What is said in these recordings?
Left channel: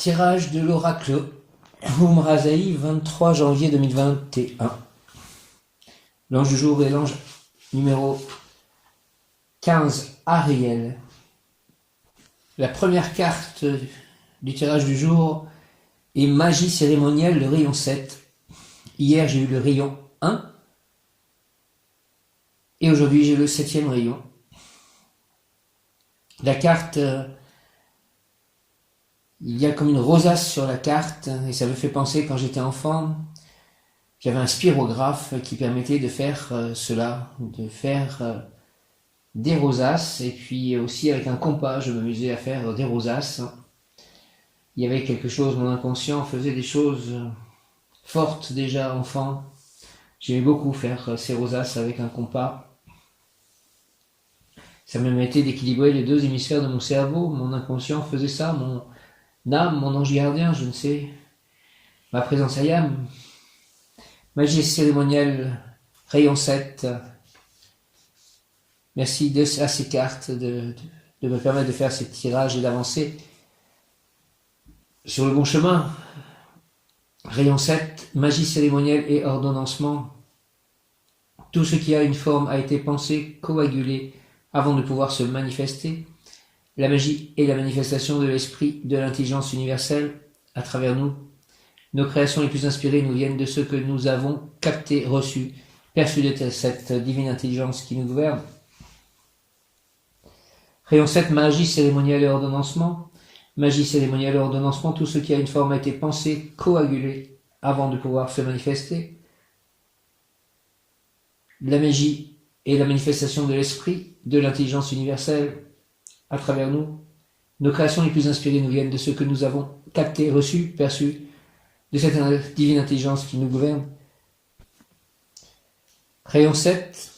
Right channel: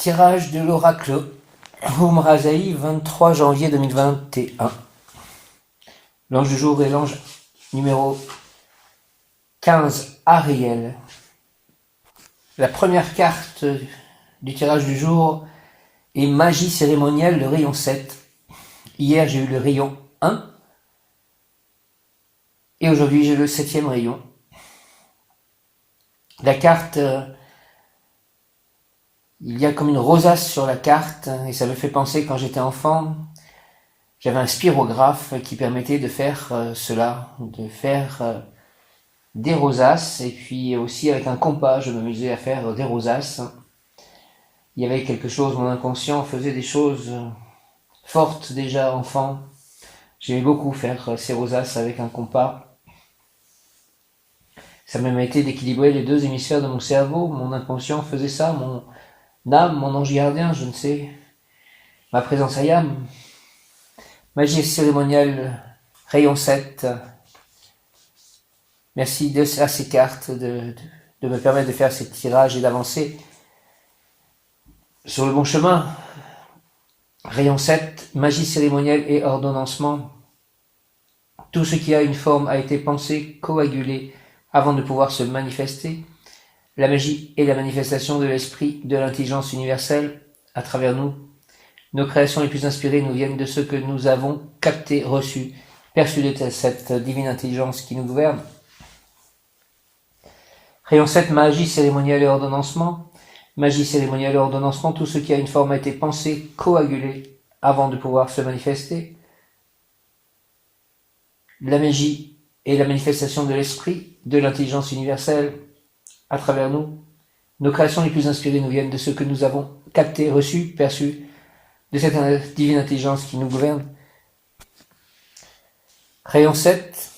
Tirage de l'oracle Umrazaï, 23 janvier 2021. L'ange du jour est l'ange numéro 15, Ariel. La première carte du tirage du jour est magie cérémonielle, le rayon 7. Hier, j'ai eu le rayon 1. Et aujourd'hui, j'ai le 7e rayon. La carte... il y a comme une rosace sur la carte, et ça me fait penser quand j'étais enfant, j'avais un spirographe qui permettait de faire cela, de faire des rosaces, et puis aussi avec un compas, je m'amusais à faire des rosaces. Il y avait quelque chose, mon inconscient faisait des choses fortes déjà enfant. J'aimais beaucoup faire ces rosaces avec un compas. Ça me permettait d'équilibrer les deux hémisphères de mon cerveau, mon inconscient faisait ça, mon âme, mon ange gardien, je ne sais, ma présence ayam, magie cérémonielle, rayon 7. Merci à ces cartes de me permettre de faire ces tirages et d'avancer sur le bon chemin. Rayon 7, magie cérémonielle et ordonnancement. Tout ce qui a une forme a été pensé, coagulé, avant de pouvoir se manifester. La magie est la manifestation de l'esprit, de l'intelligence universelle à travers nous. Nos créations les plus inspirées nous viennent de ce que nous avons capté, reçu, perçu de cette divine intelligence qui nous gouverne. Rayon 7, magie cérémonielle et ordonnancement. Magie cérémonielle et ordonnancement, tout ce qui a une forme a été pensé, coagulé, avant de pouvoir se manifester. La magie est la manifestation de l'esprit, de l'intelligence universelle à travers nous. Nos créations les plus inspirées nous viennent de ce que nous avons capté, reçu, perçu, de cette divine intelligence qui nous gouverne. Rayon 7,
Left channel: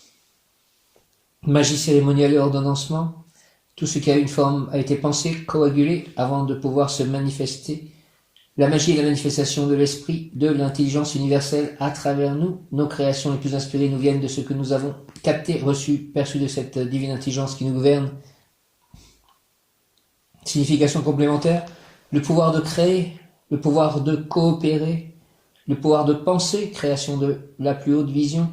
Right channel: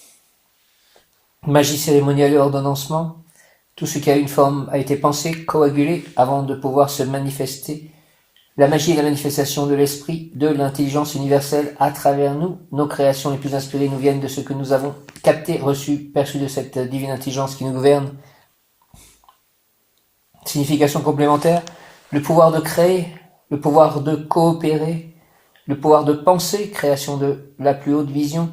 magie cérémonielle et ordonnancement. Tout ce qui a une forme a été pensé, coagulé, avant de pouvoir se manifester. La magie est la manifestation de l'esprit, de l'intelligence universelle à travers nous. Nos créations les plus inspirées nous viennent de ce que nous avons capté, reçu, perçu de cette divine intelligence qui nous gouverne. Signification complémentaire, le pouvoir de créer, le pouvoir de coopérer, le pouvoir de penser, création de la plus haute vision,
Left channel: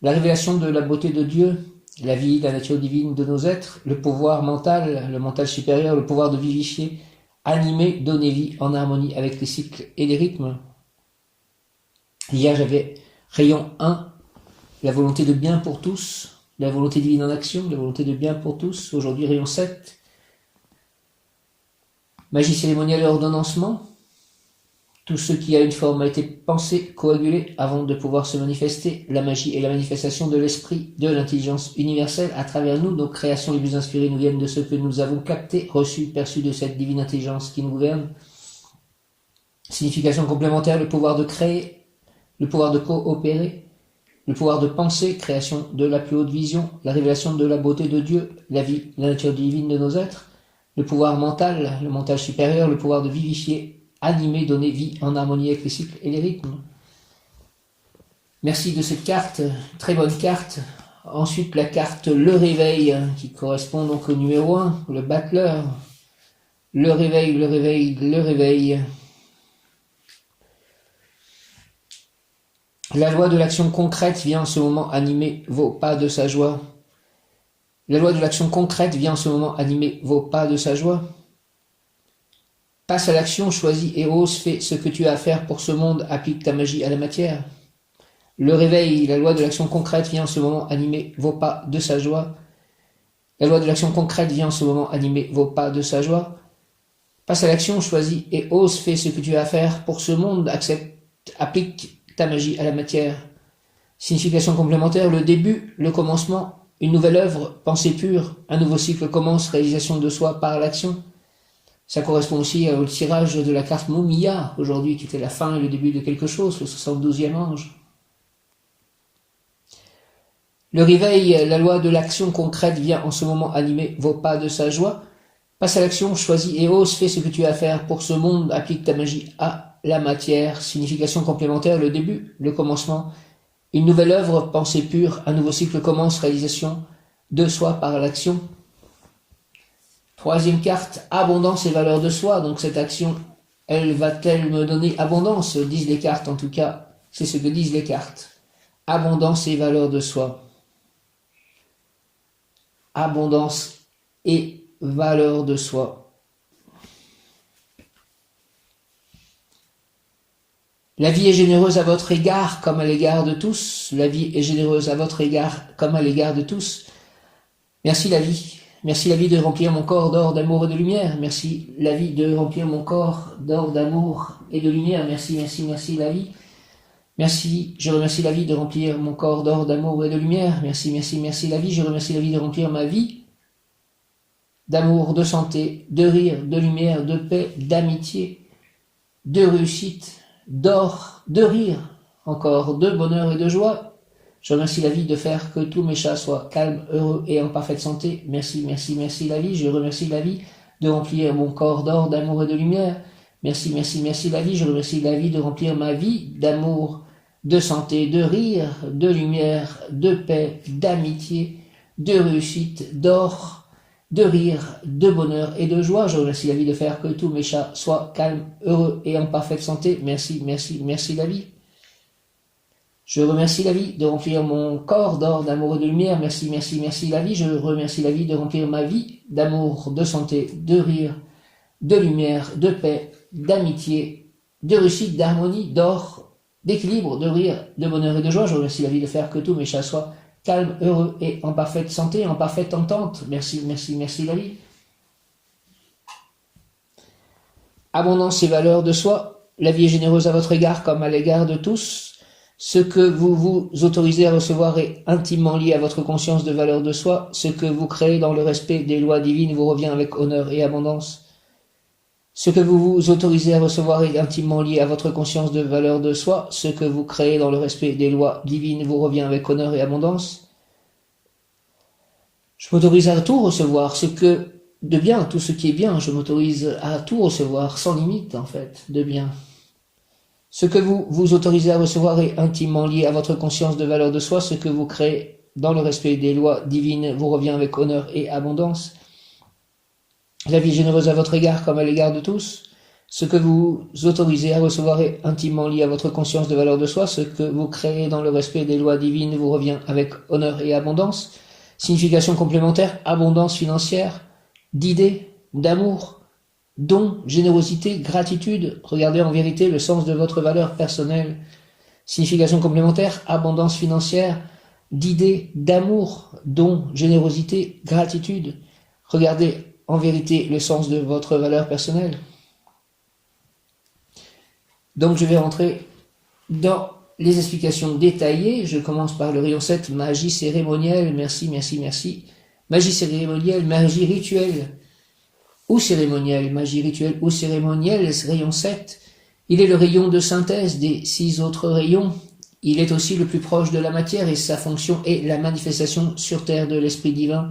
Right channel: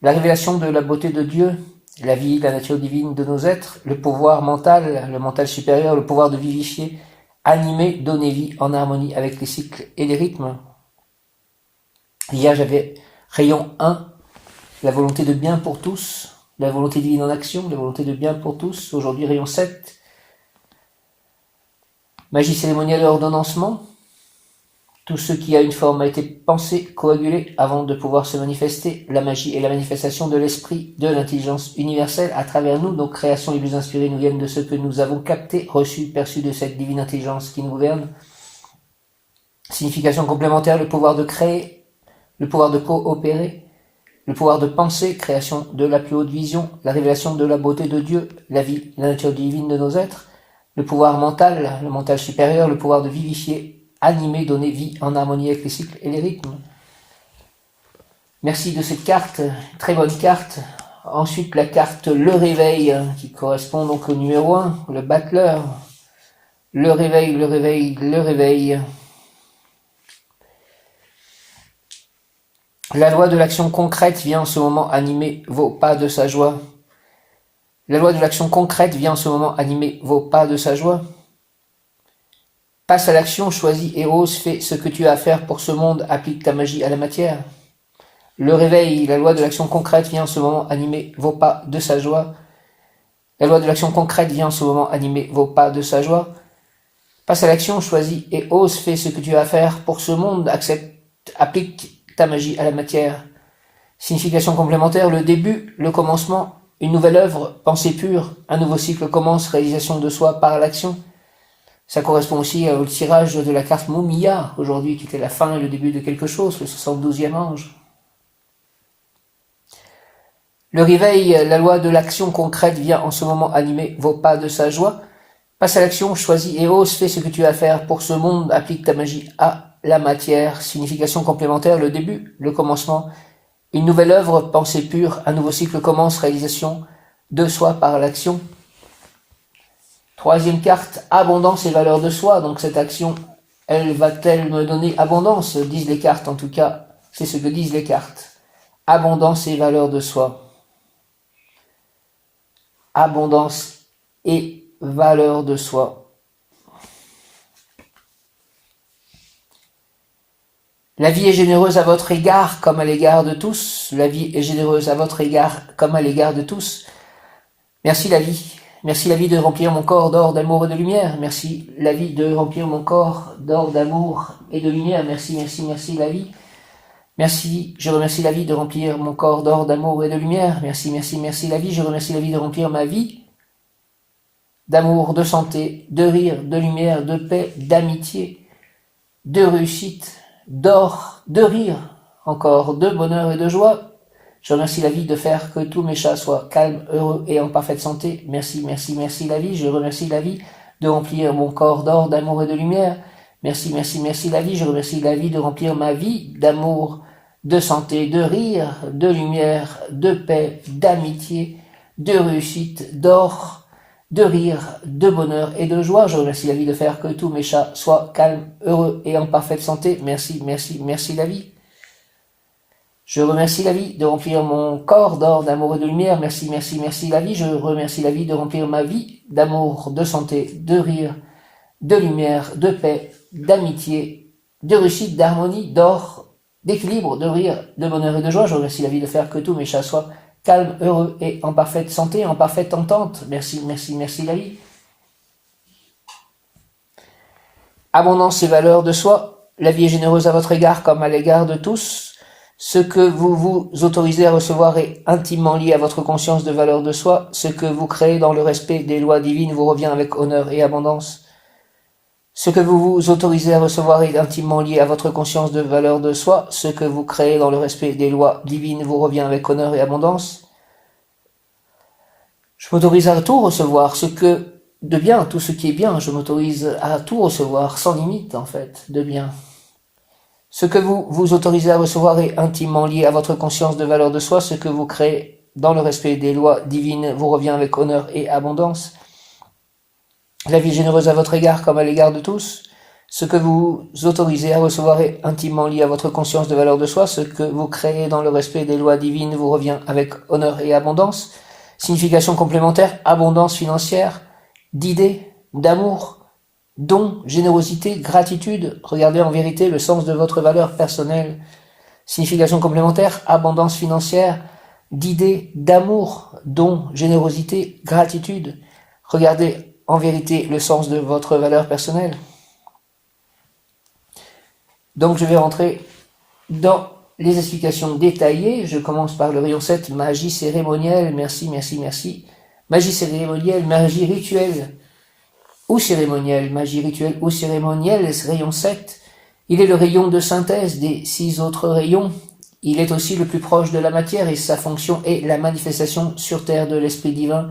la révélation de la beauté de Dieu, la vie, la nature divine de nos êtres, le pouvoir mental, le mental supérieur, le pouvoir de vivifier, animer, donner vie en harmonie avec les cycles et les rythmes. Hier, j'avais rayon 1, la volonté de bien pour tous, la volonté divine en action, la volonté de bien pour tous. Aujourd'hui, rayon 7, magie cérémonielle et ordonnancement. Tout ce qui a une forme a été pensé, coagulé, avant de pouvoir se manifester. La magie est la manifestation de l'esprit, de l'intelligence universelle à travers nous. Nos créations les plus inspirées nous viennent de ce que nous avons capté, reçu, perçu de cette divine intelligence qui nous gouverne. Signification complémentaire, le pouvoir de créer, le pouvoir de coopérer, le pouvoir de penser, création de la plus haute vision, la révélation de la beauté de Dieu, la vie, la nature divine de nos êtres, le pouvoir mental, le mental supérieur, le pouvoir de vivifier, animer, donner vie en harmonie avec les cycles et les rythmes. Merci de cette carte, très bonne carte. Ensuite, la carte Le Réveil, qui correspond donc au numéro 1, le battleur. Le réveil, le réveil, le réveil. La loi de l'action concrète vient en ce moment animer vos pas de sa joie. La loi de l'action concrète vient en ce moment animer vos pas de sa joie. Passe à l'action, choisis et ose, fais ce que tu as à faire pour ce monde, applique ta magie à la matière. Le réveil, la loi de l'action concrète vient en ce moment animer vos pas de sa joie. La loi de l'action concrète vient en ce moment animer vos pas de sa joie. Passe à l'action, choisis et ose, fais ce que tu as à faire pour ce monde, accepte, applique ta magie à la matière. Signification complémentaire, le début, le commencement, une nouvelle œuvre, pensée pure, un nouveau cycle commence, réalisation de soi par l'action. Ça correspond aussi au tirage de la carte Mumia, aujourd'hui, qui était la fin et le début de quelque chose, le 72e ange. Le réveil, la loi de l'action concrète vient en ce moment animer vos pas de sa joie. Passe à l'action, choisis et ose, fais ce que tu as à faire pour ce monde, applique ta magie à la matière. Signification complémentaire, le début, le commencement, une nouvelle œuvre, pensée pure, un nouveau cycle commence, réalisation de soi par l'action. Troisième carte, abondance et valeur de soi. Donc cette action Elle va-t-elle me donner abondance, disent les cartes, en tout cas, c'est ce que disent les cartes. Abondance et valeur de soi. Abondance et valeur de soi. La vie est généreuse à votre égard comme à l'égard de tous. La vie est généreuse à votre égard comme à l'égard de tous. Merci la vie. Merci la vie de remplir mon corps d'or, d'amour et de lumière. Merci la vie de remplir mon corps d'or, d'amour et de lumière. Merci, merci, merci la vie. Merci, je remercie la vie de remplir mon corps d'or, d'amour et de lumière. Merci, merci, merci la vie. Je remercie la vie de remplir ma vie d'amour, de santé, de rire, de lumière, de paix, d'amitié, de réussite, d'or, de rire, encore de bonheur et de joie. Je remercie la vie de faire que tous mes chats soient calmes, heureux et en parfaite santé. Merci, merci, merci la vie. Je remercie la vie de remplir mon corps d'or, d'amour et de lumière. Merci, merci, merci la vie. Je remercie la vie de remplir ma vie d'amour, de santé, de rire, de lumière, de paix, d'amitié, de réussite, d'or, de rire, de bonheur et de joie. Je remercie la vie de faire que tous mes chats soient calmes, heureux et en parfaite santé. Merci, merci, merci la vie. Je remercie la vie de remplir mon corps d'or, d'amour et de lumière. Merci, merci, merci la vie. Je remercie la vie de remplir ma vie d'amour, de santé, de rire, de lumière, de paix, d'amitié, de réussite, d'harmonie, d'or, d'équilibre, de rire, de bonheur et de joie. Je remercie la vie de faire que tous mes chats soient calmes, heureux et en parfaite santé, en parfaite entente. Merci, merci, merci la vie. Abondance et valeur de soi. La vie est généreuse à votre égard comme à l'égard de tous. Ce que vous vous autorisez à recevoir est intimement lié à votre conscience de valeur de soi. Ce que vous créez dans le respect des lois divines vous revient avec honneur et abondance. Ce que vous vous autorisez à recevoir est intimement lié à votre conscience de valeur de soi. Ce que vous créez dans le respect des lois divines vous revient avec honneur et abondance. Je m'autorise à tout recevoir, ce que de bien, tout ce qui est bien, je m'autorise à tout recevoir, sans limite en fait, de bien. Ce que vous vous autorisez à recevoir est intimement lié à votre conscience de valeur de soi. Ce que vous créez dans le respect des lois divines vous revient avec honneur et abondance. La vie est généreuse à votre égard comme à l'égard de tous. Ce que vous autorisez à recevoir est intimement lié à votre conscience de valeur de soi. Ce que vous créez dans le respect des lois divines vous revient avec honneur et abondance. Signification complémentaire, abondance financière, d'idées, d'amour, dons, générosité, gratitude. Regardez en vérité le sens de votre valeur personnelle. Signification complémentaire, abondance financière, d'idées, d'amour, dons, générosité, gratitude. Regardez en vérité le sens de votre valeur personnelle. Donc je vais rentrer dans les explications détaillées. Je commence par le rayon 7, magie cérémonielle. Merci, merci, merci. Magie cérémonielle, magie rituelle ou cérémonielle. Magie rituelle ou cérémonielle, rayon 7. Il est le rayon de synthèse des 6 autres rayons. Il est aussi le plus proche de la matière et sa fonction est la manifestation sur terre de l'esprit divin.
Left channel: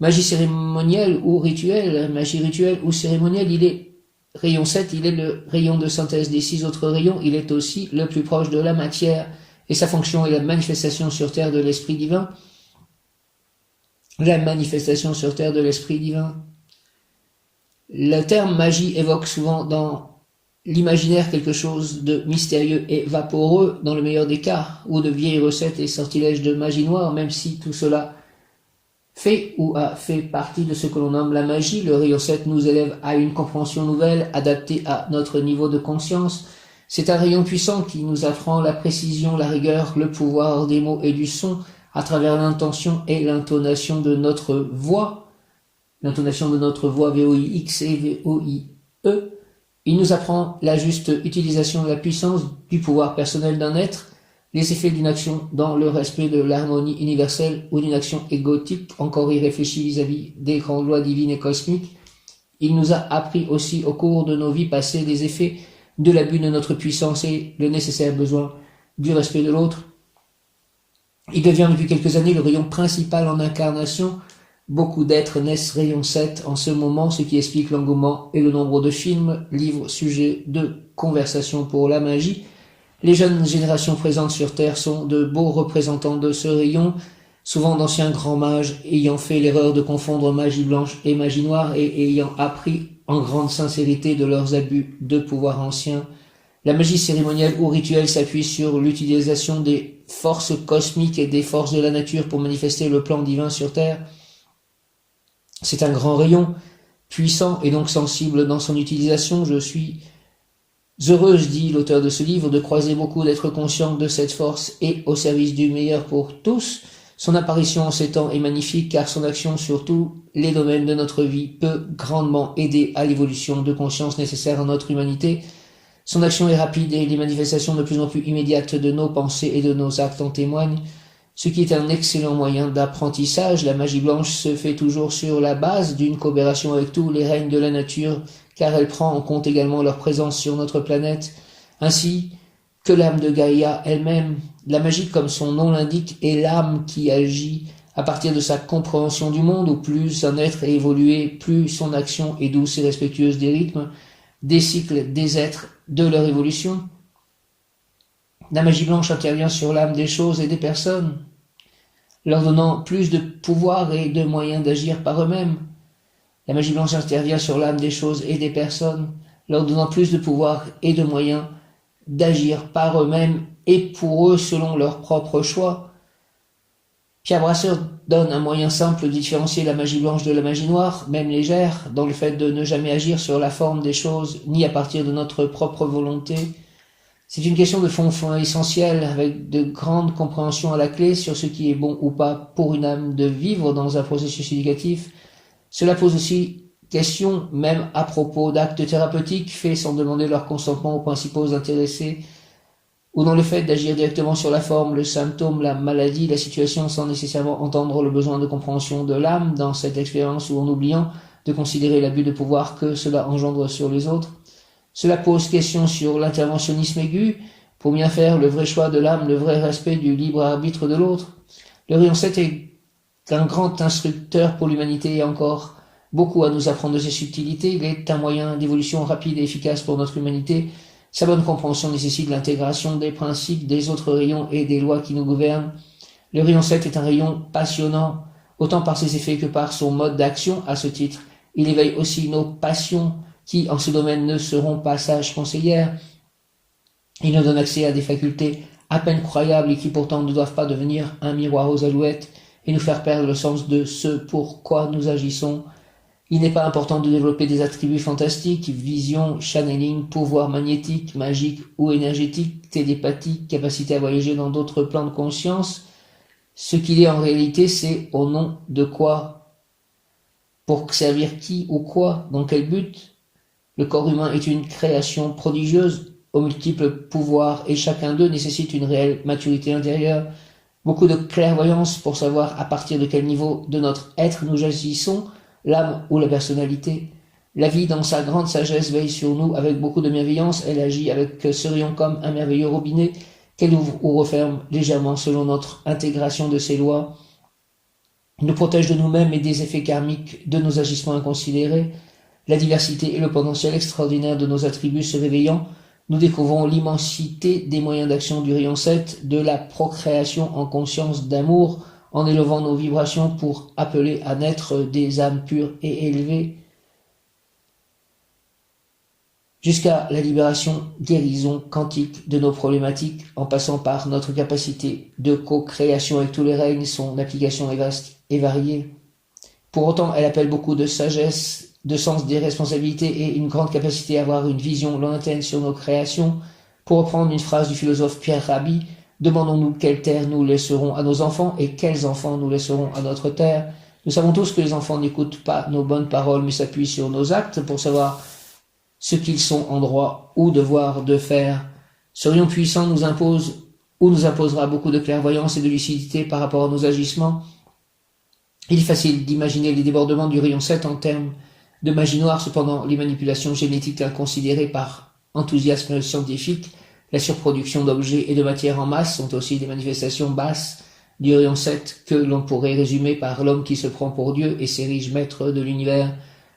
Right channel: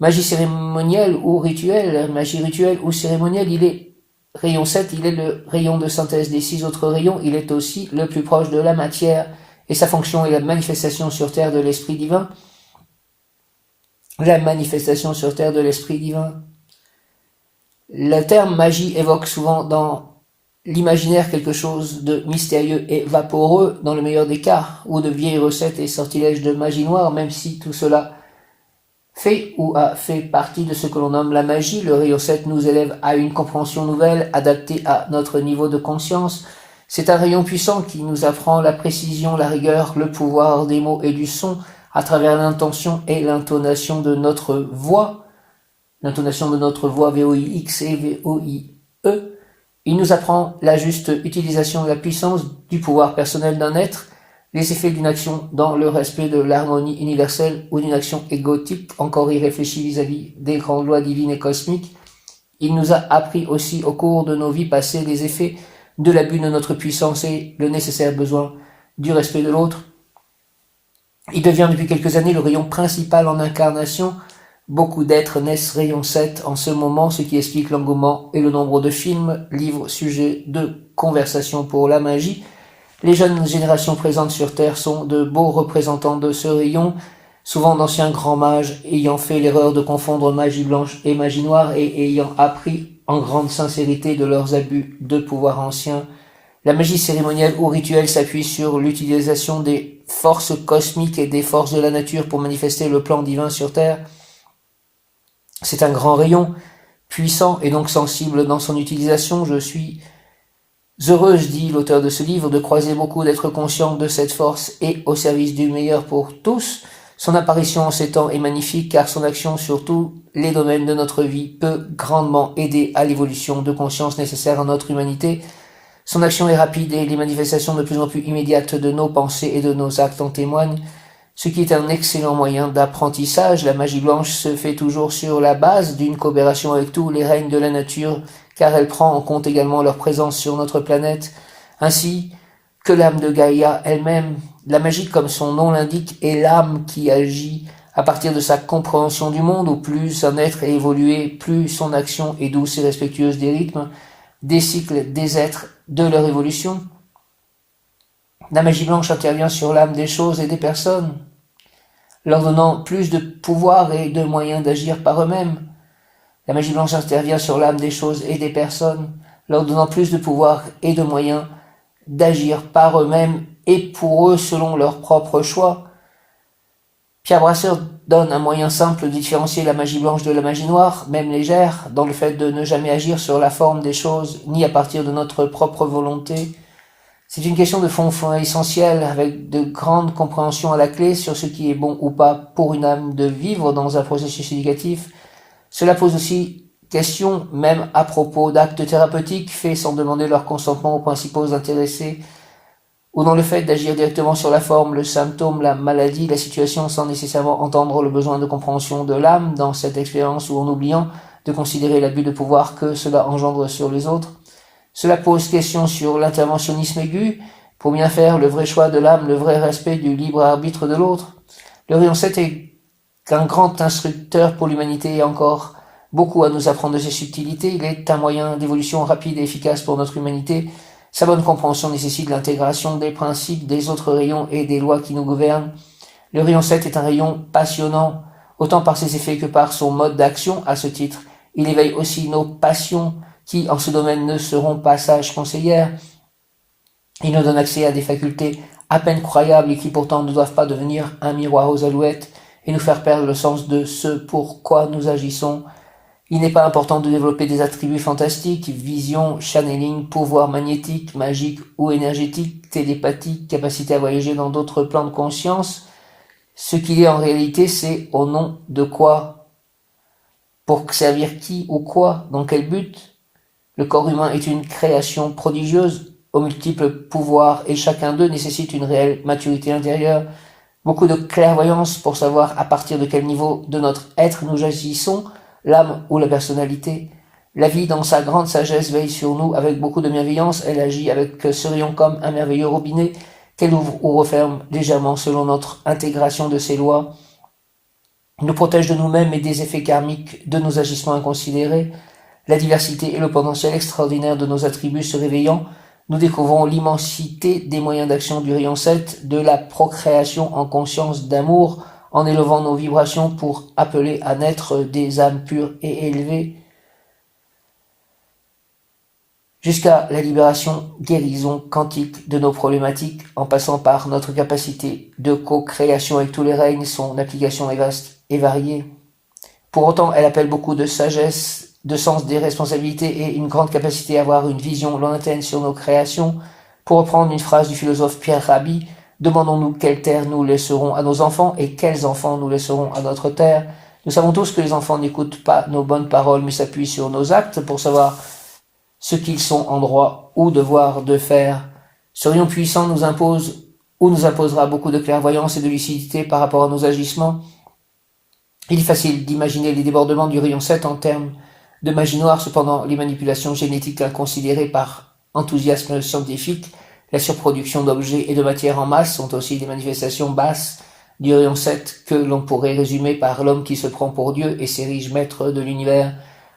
Magie cérémonielle ou rituelle, magie rituelle ou cérémonielle, il est rayon 7, il est le rayon de synthèse des 6 autres rayons, il est aussi le plus proche de la matière et sa fonction est la manifestation sur terre de l'esprit divin. La manifestation sur terre de l'esprit divin. Le terme magie évoque souvent dans l'imaginaire quelque chose de mystérieux et vaporeux dans le meilleur des cas, ou de vieilles recettes et sortilèges de magie noire, même si tout cela fait ou a fait partie de ce que l'on nomme la magie. Le rayon 7 nous élève à une compréhension nouvelle, adaptée à notre niveau de conscience. C'est un rayon puissant qui nous apprend la précision, la rigueur, le pouvoir des mots et du son à travers l'intention et l'intonation de notre voix. L'intonation de notre voix VOIX et VOIE. Il nous apprend la juste utilisation de la puissance du pouvoir personnel d'un être, les effets d'une action dans le respect de l'harmonie universelle ou d'une action égotique encore irréfléchie vis-à-vis des grandes lois divines et cosmiques. Il nous a appris aussi au cours de nos vies passées les effets de l'abus de notre puissance et le nécessaire besoin du respect de l'autre. Il devient depuis quelques années le rayon principal en incarnation. Beaucoup d'êtres naissent rayon 7 en ce moment, ce qui explique l'engouement et le nombre de films, livres, sujets de conversation pour la magie. Les jeunes générations présentes sur Terre sont de beaux représentants de ce rayon. Souvent d'anciens grands mages ayant fait l'erreur de confondre magie blanche et magie noire et ayant appris en grande sincérité de leurs abus de pouvoir anciens. La magie cérémonielle ou rituelle s'appuie sur l'utilisation des forces cosmiques et des forces de la nature pour manifester le plan divin sur Terre. C'est un grand rayon, puissant et donc sensible dans son utilisation. Je suis heureuse, dit l'auteur de ce livre, de croiser beaucoup d'êtres conscients de cette force et au service du meilleur pour tous. Son apparition en ces temps est magnifique car son action sur tous les domaines de notre vie peut grandement aider à l'évolution de conscience nécessaire à notre humanité. Son action est rapide et les manifestations de plus en plus immédiates de nos pensées et de nos actes en témoignent, ce qui est un excellent moyen d'apprentissage. La magie blanche se fait toujours sur la base d'une coopération avec tous les règnes de la nature, car elle prend en compte également leur présence sur notre planète, ainsi que l'âme de Gaïa elle-même. La magie, comme son nom l'indique, est l'âme qui agit à partir de sa compréhension du monde, où plus un être est évolué, plus son action est douce et respectueuse des rythmes, des cycles des êtres, de leur évolution. La magie blanche intervient sur l'âme des choses et des personnes, leur donnant plus de pouvoir et de moyens d'agir par eux-mêmes. La magie blanche intervient sur l'âme des choses et des personnes, leur donnant plus de pouvoir et de moyens d'agir par eux-mêmes et pour eux selon leur propre choix. Pierre Brasseur donne un moyen simple de différencier la magie blanche de la magie noire, même légère, dans le fait de ne jamais agir sur la forme des choses, ni à partir de notre propre volonté. C'est une question de fond essentielle, avec de grandes compréhensions à la clé sur ce qui est bon ou pas pour une âme de vivre dans un processus éducatif. Cela pose aussi question, même à propos d'actes thérapeutiques faits sans demander leur consentement aux principaux intéressés, ou dans le fait d'agir directement sur la forme, le symptôme, la maladie, la situation, sans nécessairement entendre le besoin de compréhension de l'âme dans cette expérience, ou en oubliant de considérer l'abus de pouvoir que cela engendre sur les autres. Cela pose question sur l'interventionnisme aigu, pour bien faire le vrai choix de l'âme, le vrai respect du libre arbitre de l'autre. Le rayon 7 est un grand instructeur pour l'humanité et encore beaucoup à nous apprendre de ses subtilités. Il est un moyen d'évolution rapide et efficace pour notre humanité. Sa bonne compréhension nécessite l'intégration des principes des autres rayons et des lois qui nous gouvernent. Le rayon 7 est un rayon passionnant, autant par ses effets que par son mode d'action. À ce titre, il éveille aussi nos passions qui, en ce domaine, ne seront pas sages conseillères. Il nous donne accès à des facultés à peine croyables et qui pourtant ne doivent pas devenir un miroir aux alouettes et nous faire perdre le sens de ce pourquoi nous agissons. Il n'est pas important de développer des attributs fantastiques, vision, channeling, pouvoir magnétique, magique ou énergétique, télépathique, capacité à voyager dans d'autres plans de conscience. Ce qu'il est en réalité, c'est au nom de quoi? Pour servir qui ou quoi? Dans quel but? Le corps humain est une création prodigieuse, aux multiples pouvoirs, et chacun d'eux nécessite une réelle maturité intérieure, beaucoup de clairvoyance pour savoir à partir de quel niveau de notre être nous agissons, l'âme ou la personnalité. La vie, dans sa grande sagesse, veille sur nous avec beaucoup de bienveillance. Elle agit avec ce rayon comme un merveilleux robinet qu'elle ouvre ou referme légèrement selon notre intégration de ses lois. Elle nous protège de nous-mêmes et des effets karmiques de nos agissements inconsidérés. La diversité et le potentiel extraordinaire de nos attributs se réveillant, nous découvrons l'immensité des moyens d'action du rayon 7, de la procréation en conscience d'amour, en élevant nos vibrations pour appeler à naître des âmes pures et élevées, jusqu'à la libération, guérison quantique de nos problématiques, en passant par notre capacité de co-création avec tous les règnes. Son application est vaste et variée. Pour autant, elle appelle beaucoup de sagesse, de sens des responsabilités et une grande capacité à avoir une vision lointaine sur nos créations. Pour reprendre une phrase du philosophe Pierre Rabhi, demandons-nous quelle terre nous laisserons à nos enfants et quels enfants nous laisserons à notre terre. Nous savons tous que les enfants n'écoutent pas nos bonnes paroles mais s'appuient sur nos actes pour savoir ce qu'ils sont en droit ou devoir de faire. Ce rayon puissant nous impose ou nous imposera beaucoup de clairvoyance et de lucidité par rapport à nos agissements. Il est facile d'imaginer les débordements du rayon 7 en termes de magie noire. Cependant, les manipulations génétiques inconsidérées par enthousiasme scientifique, la surproduction d'objets et de matière en masse sont aussi des manifestations basses du rayon 7 que l'on pourrait résumer par l'homme qui se prend pour Dieu et s'érige maître de l'univers.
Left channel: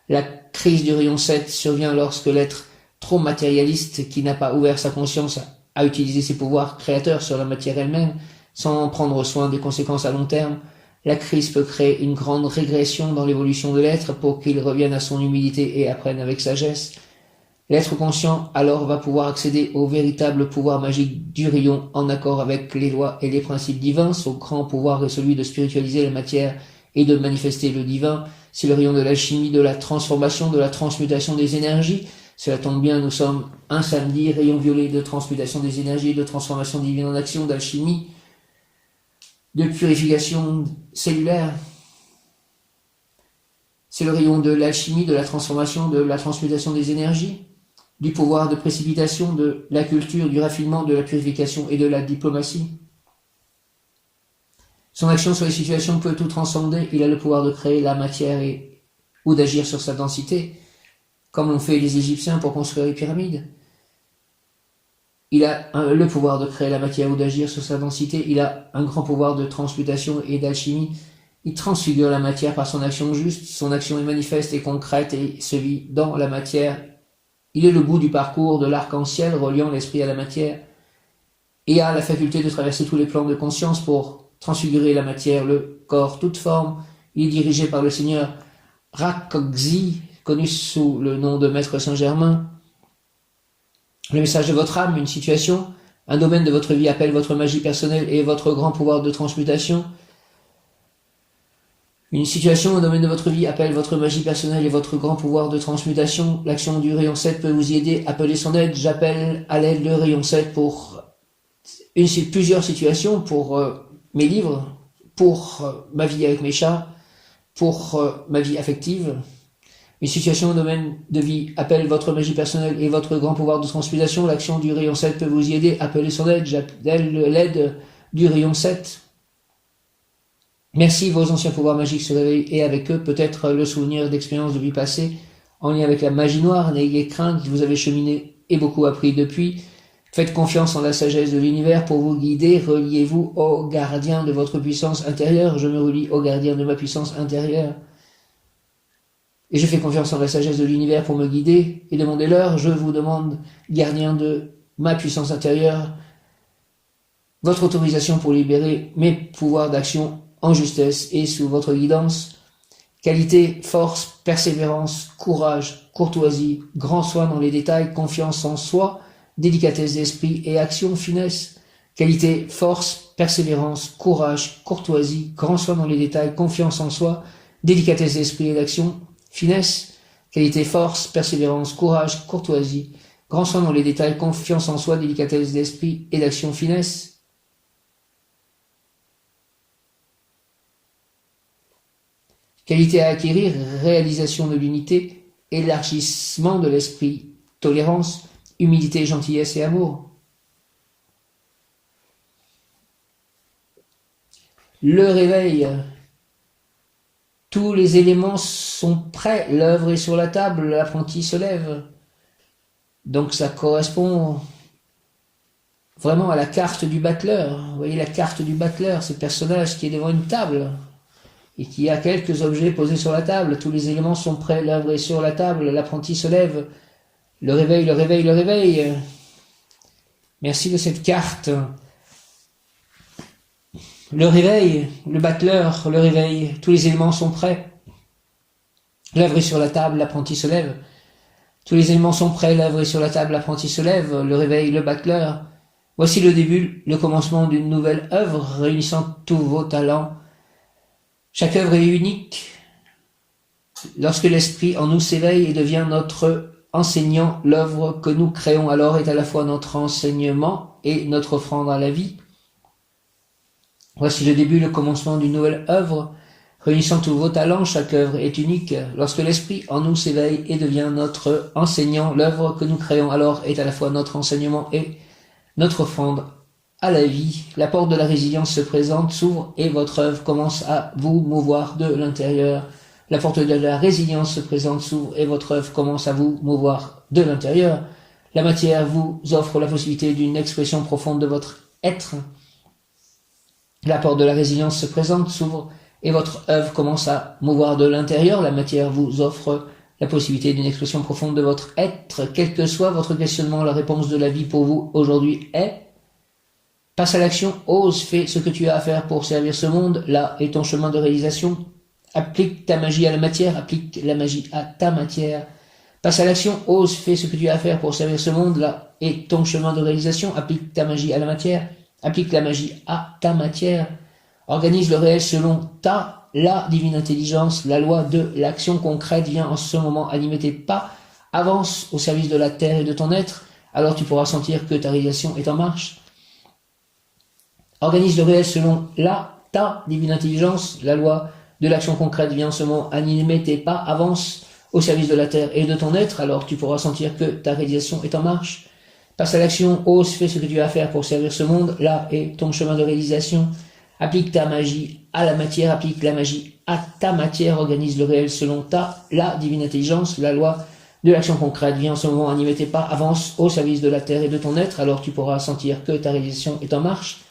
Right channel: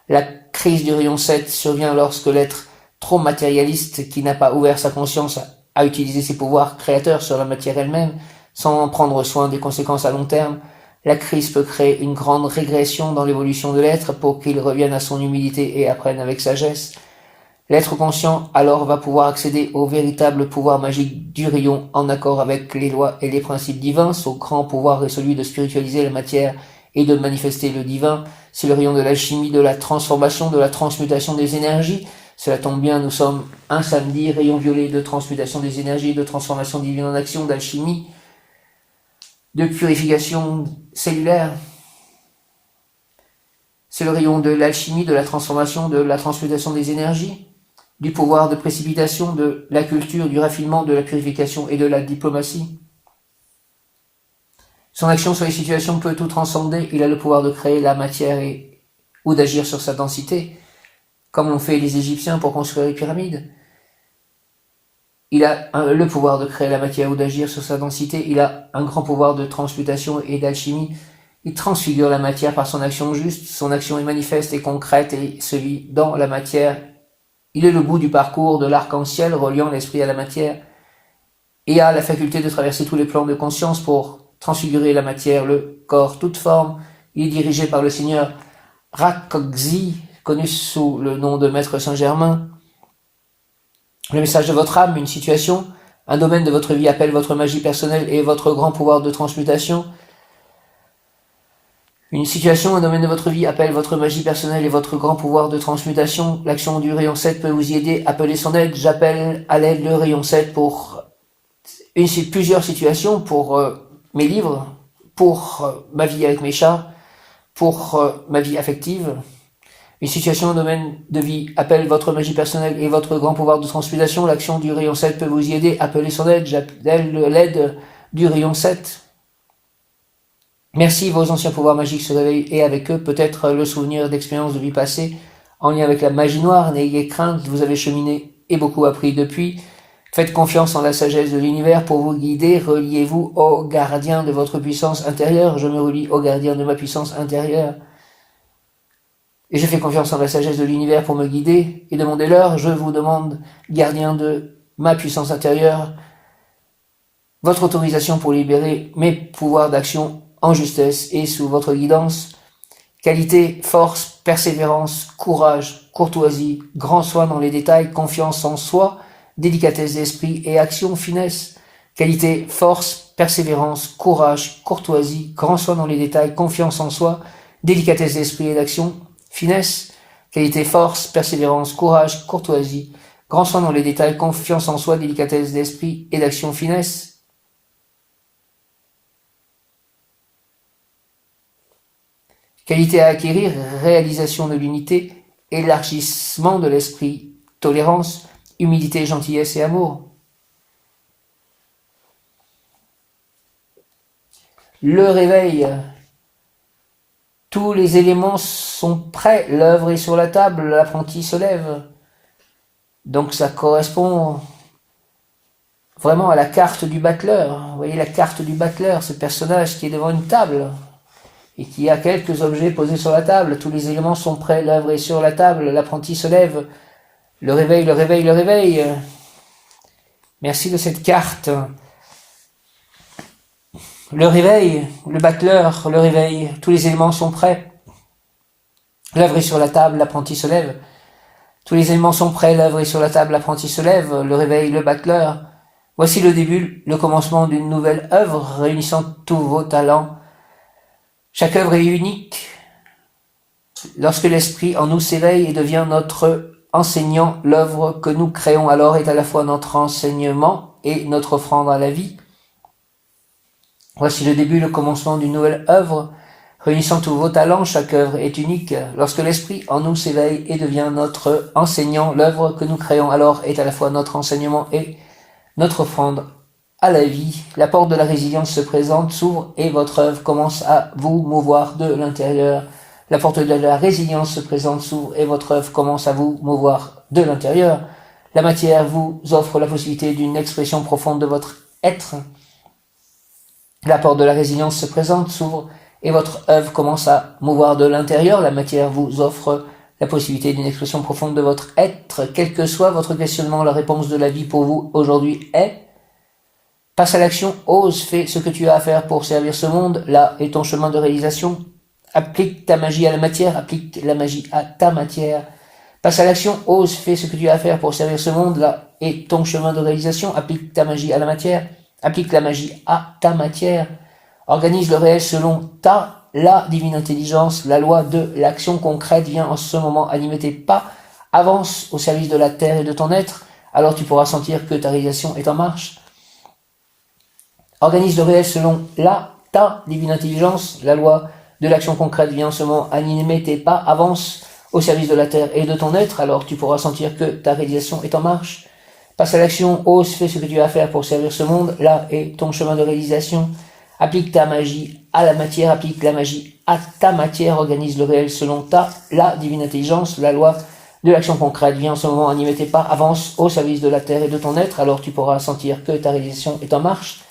La crise du rayon 7 survient lorsque l'être trop matérialiste qui n'a pas ouvert sa conscience à utiliser ses pouvoirs créateurs sur la matière elle-même, sans prendre soin des conséquences à long terme, La crise peut créer une grande régression dans l'évolution de l'être pour qu'il revienne à son humilité et apprenne avec sagesse. L'être conscient alors va pouvoir accéder au véritable pouvoir magique du rayon en accord avec les lois et les principes divins. Son grand pouvoir est celui de spiritualiser la matière et de manifester le divin. C'est le rayon de l'alchimie, de la transformation, de la transmutation des énergies. Cela tombe bien, nous sommes un samedi, rayon violet de transmutation des énergies, de transformation divine en action, d'alchimie, de purification cellulaire. C'est le rayon de l'alchimie, de la transformation, de la transmutation des énergies, du pouvoir de précipitation, de la culture, du raffinement, de la purification et de la diplomatie. Son action sur les situations peut tout transcender. Il a le pouvoir de créer la matière ou d'agir sur sa densité, comme l'ont fait les Égyptiens pour construire les pyramides. Il a le pouvoir de créer la matière ou d'agir sur sa densité. Il a un grand pouvoir de transmutation et d'alchimie. Il transfigure la matière par son action juste. Son action est manifeste et concrète et se vit dans la matière. Il est le bout du parcours de l'arc-en-ciel reliant l'esprit à la matière et a la faculté de traverser tous les plans de conscience pour transfigurer la matière, le corps, toute forme. Il est dirigé par le Seigneur Rakoczy, connu sous le nom de Maître Saint-Germain. Le message de votre âme, une situation, un domaine de votre vie appelle votre magie personnelle et votre grand pouvoir de transmutation. Une situation, un domaine de votre vie appelle votre magie personnelle et votre grand pouvoir de transmutation. L'action du rayon 7 peut vous y aider. Appelez son aide. J'appelle à l'aide le rayon 7 pour plusieurs situations, pour mes livres, pour ma vie avec mes chats, pour ma vie affective. Une situation, un domaine de vie appelle votre magie personnelle et votre grand pouvoir de transmutation. L'action du rayon 7 peut vous y aider. Appelez son aide. J'appelle l'aide du rayon 7. Merci, vos anciens pouvoirs magiques se réveillent et avec eux peut-être le souvenir d'expériences de vie passée en lien avec la magie noire. N'ayez crainte, vous avez cheminé et beaucoup appris depuis. Faites confiance en la sagesse de l'univers pour vous guider. Reliez-vous au gardien de votre puissance intérieure. Je me relie au gardien de ma puissance intérieure. Et je fais confiance en la sagesse de l'univers pour me guider et demandez-leur. Je vous demande, gardien de ma puissance intérieure, votre autorisation pour libérer mes pouvoirs d'action en justesse et sous votre guidance. Qualité, force, persévérance, courage, courtoisie, grand soin dans les détails, confiance en soi, délicatesse d'esprit et action, finesse. Qualité, force, persévérance, courage, courtoisie, grand soin dans les détails, confiance en soi, délicatesse d'esprit et d'action, finesse. Qualité, force, persévérance, courage, courtoisie, grand soin dans les détails, confiance en soi, délicatesse d'esprit et d'action, finesse. Qualité à acquérir, réalisation de l'unité, élargissement de l'esprit, tolérance, humilité, gentillesse et amour. Le réveil. Tous les éléments sont prêts, l'œuvre est sur la table, l'apprenti se lève. Donc ça correspond vraiment à la carte du battleur. Vous voyez la carte du battleur, ce personnage qui est devant une table et qui a quelques objets posés sur la table. Tous les éléments sont prêts, l'œuvre est sur la table, l'apprenti se lève. Le réveil, le réveil, le réveil. Merci de cette carte. Le réveil, le battleur, le réveil, tous les éléments sont prêts. L'œuvre est sur la table, l'apprenti se lève. Tous les éléments sont prêts, l'œuvre est sur la table, l'apprenti se lève. Le réveil, le battleur. Voici le début, le commencement d'une nouvelle œuvre réunissant tous vos talents. Chaque œuvre est unique. Lorsque l'esprit en nous s'éveille et devient notre enseignant, l'œuvre que nous créons alors est à la fois notre enseignement et notre offrande à la vie. Voici le début, le commencement d'une nouvelle œuvre, réunissant tous vos talents, chaque œuvre est unique. Lorsque l'esprit en nous s'éveille et devient notre enseignant, l'œuvre que nous créons alors est à la fois notre enseignement et notre offrande à la vie. La porte de la résilience se présente, s'ouvre et votre œuvre commence à vous mouvoir de l'intérieur. La porte de la résilience se présente, s'ouvre et votre œuvre commence à vous mouvoir de l'intérieur. La matière vous offre la possibilité d'une expression profonde de votre être. La porte de la résilience se présente, s'ouvre et votre œuvre commence à mouvoir de l'intérieur. La matière vous offre la possibilité d'une expression profonde de votre être. Quel que soit votre questionnement, la réponse de la vie pour vous aujourd'hui est Passe à l'action, ose, fais ce que tu as à faire pour servir ce monde, là est ton chemin de réalisation. Applique ta magie à la matière, applique la magie à ta matière. Passe à l'action, ose, fais ce que tu as à faire pour servir ce monde, là est ton chemin de réalisation. Applique ta magie à la matière, applique la magie à ta matière. Organise le réel selon la divine intelligence, la loi de l'action concrète vient en ce moment animer tes pas, avance au service de la terre et de ton être, alors tu pourras sentir que ta réalisation est en marche. Organise le réel selon ta divine intelligence, la loi de l'action concrète vient en ce moment animer tes pas, avance au service de la terre et de ton être, alors tu pourras sentir que ta réalisation est en marche. Passe à l'action, ose, fais ce que tu as à faire pour servir ce monde, là est ton chemin de réalisation. Applique ta magie à la matière, applique la magie à ta matière, organise le réel selon la divine intelligence, la loi de l'action concrète vient en ce moment animer tes pas, avance au service de la terre et de ton être, alors tu pourras sentir que ta réalisation est en marche.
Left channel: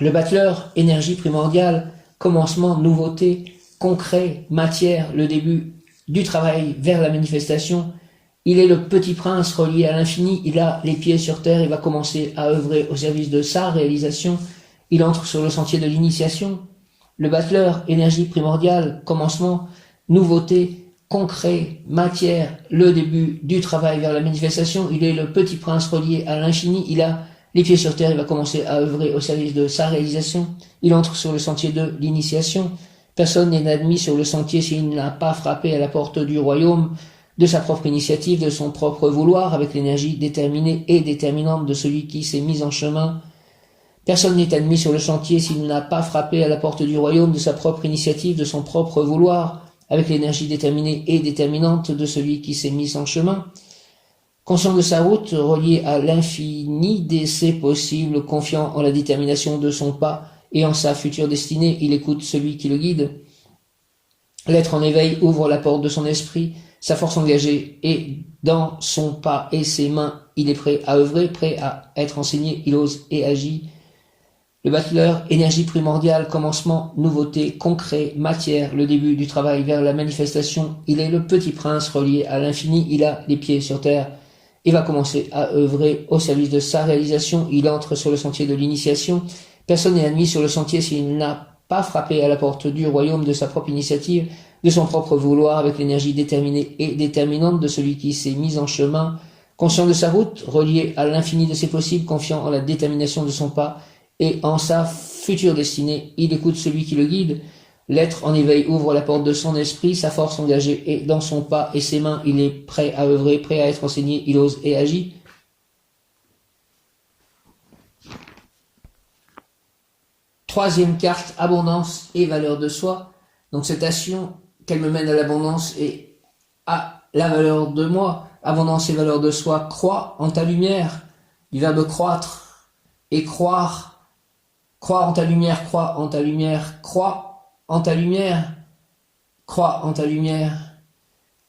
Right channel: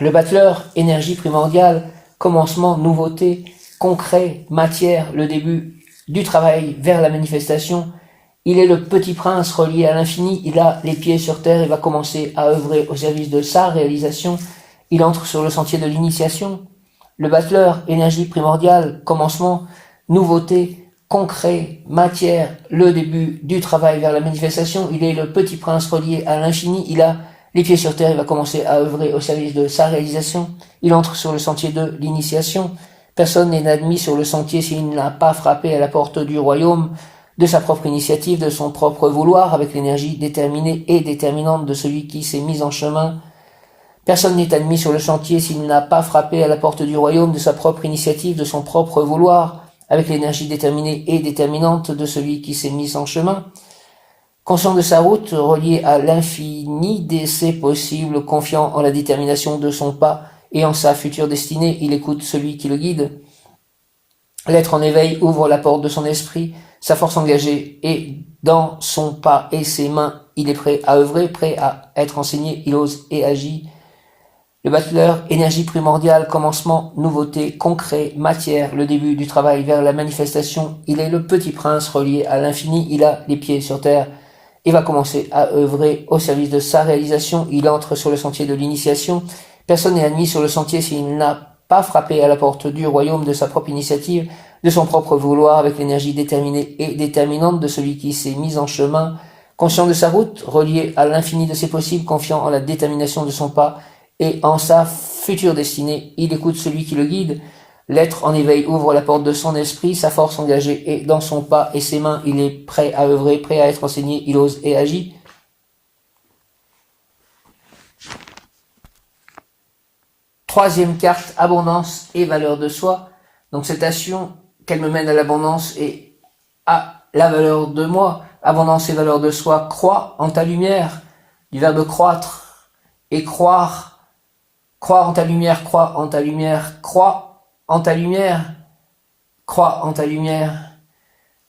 Le battleur, énergie primordiale, commencement, nouveauté, concret, matière, le début du travail vers la manifestation. Il est le petit prince relié à l'infini, il a les pieds sur terre et va commencer à œuvrer au service de sa réalisation. Il entre sur le sentier de l'initiation. Le battleur, énergie primordiale, commencement, nouveauté, concret, matière, le début du travail vers la manifestation. Il est le petit prince relié à l'infini, il a les pieds sur terre, il va commencer à œuvrer au service de sa réalisation. Il entre sur le sentier de l'initiation. Personne n'est admis sur le sentier s'il n'a pas frappé à la porte du royaume de sa propre initiative, de son propre vouloir, avec l'énergie déterminée et déterminante de celui qui s'est mis en chemin. Personne n'est admis sur le sentier s'il n'a pas frappé à la porte du royaume de sa propre initiative, de son propre vouloir, avec l'énergie déterminée et déterminante de celui qui s'est mis en chemin. Conscient de sa route, relié à l'infini des ses possibles, confiant en la détermination de son pas et en sa future destinée, il écoute celui qui le guide. L'être en éveil ouvre la porte de son esprit, sa force engagée est dans son pas et ses mains, il est prêt à œuvrer, prêt à être enseigné, il ose et agit. Le battleur, énergie primordiale, commencement, nouveauté, concret, matière, le début du travail vers la manifestation, il est le petit prince relié à l'infini, il a les pieds sur terre et va commencer à œuvrer au service de sa réalisation, il entre sur le sentier de l'initiation. Personne n'est admis sur le sentier s'il n'a pas frappé à la porte du royaume de sa propre initiative, de son propre vouloir, avec l'énergie déterminée et déterminante de celui qui s'est mis en chemin, conscient de sa route, relié à l'infini de ses possibles, confiant en la détermination de son pas et en sa future destinée, il écoute celui qui le guide. L'être en éveil ouvre la porte de son esprit, sa force engagée est dans son pas et ses mains, il est prêt à œuvrer, prêt à être enseigné, il ose et agit. Troisième carte, abondance et valeur de soi. Donc cette action, qu'elle me mène à l'abondance et à la valeur de moi. Abondance et valeur de soi, crois en ta lumière, du verbe croître et croire. Crois en ta lumière, crois en ta lumière, crois en ta lumière, crois en ta lumière.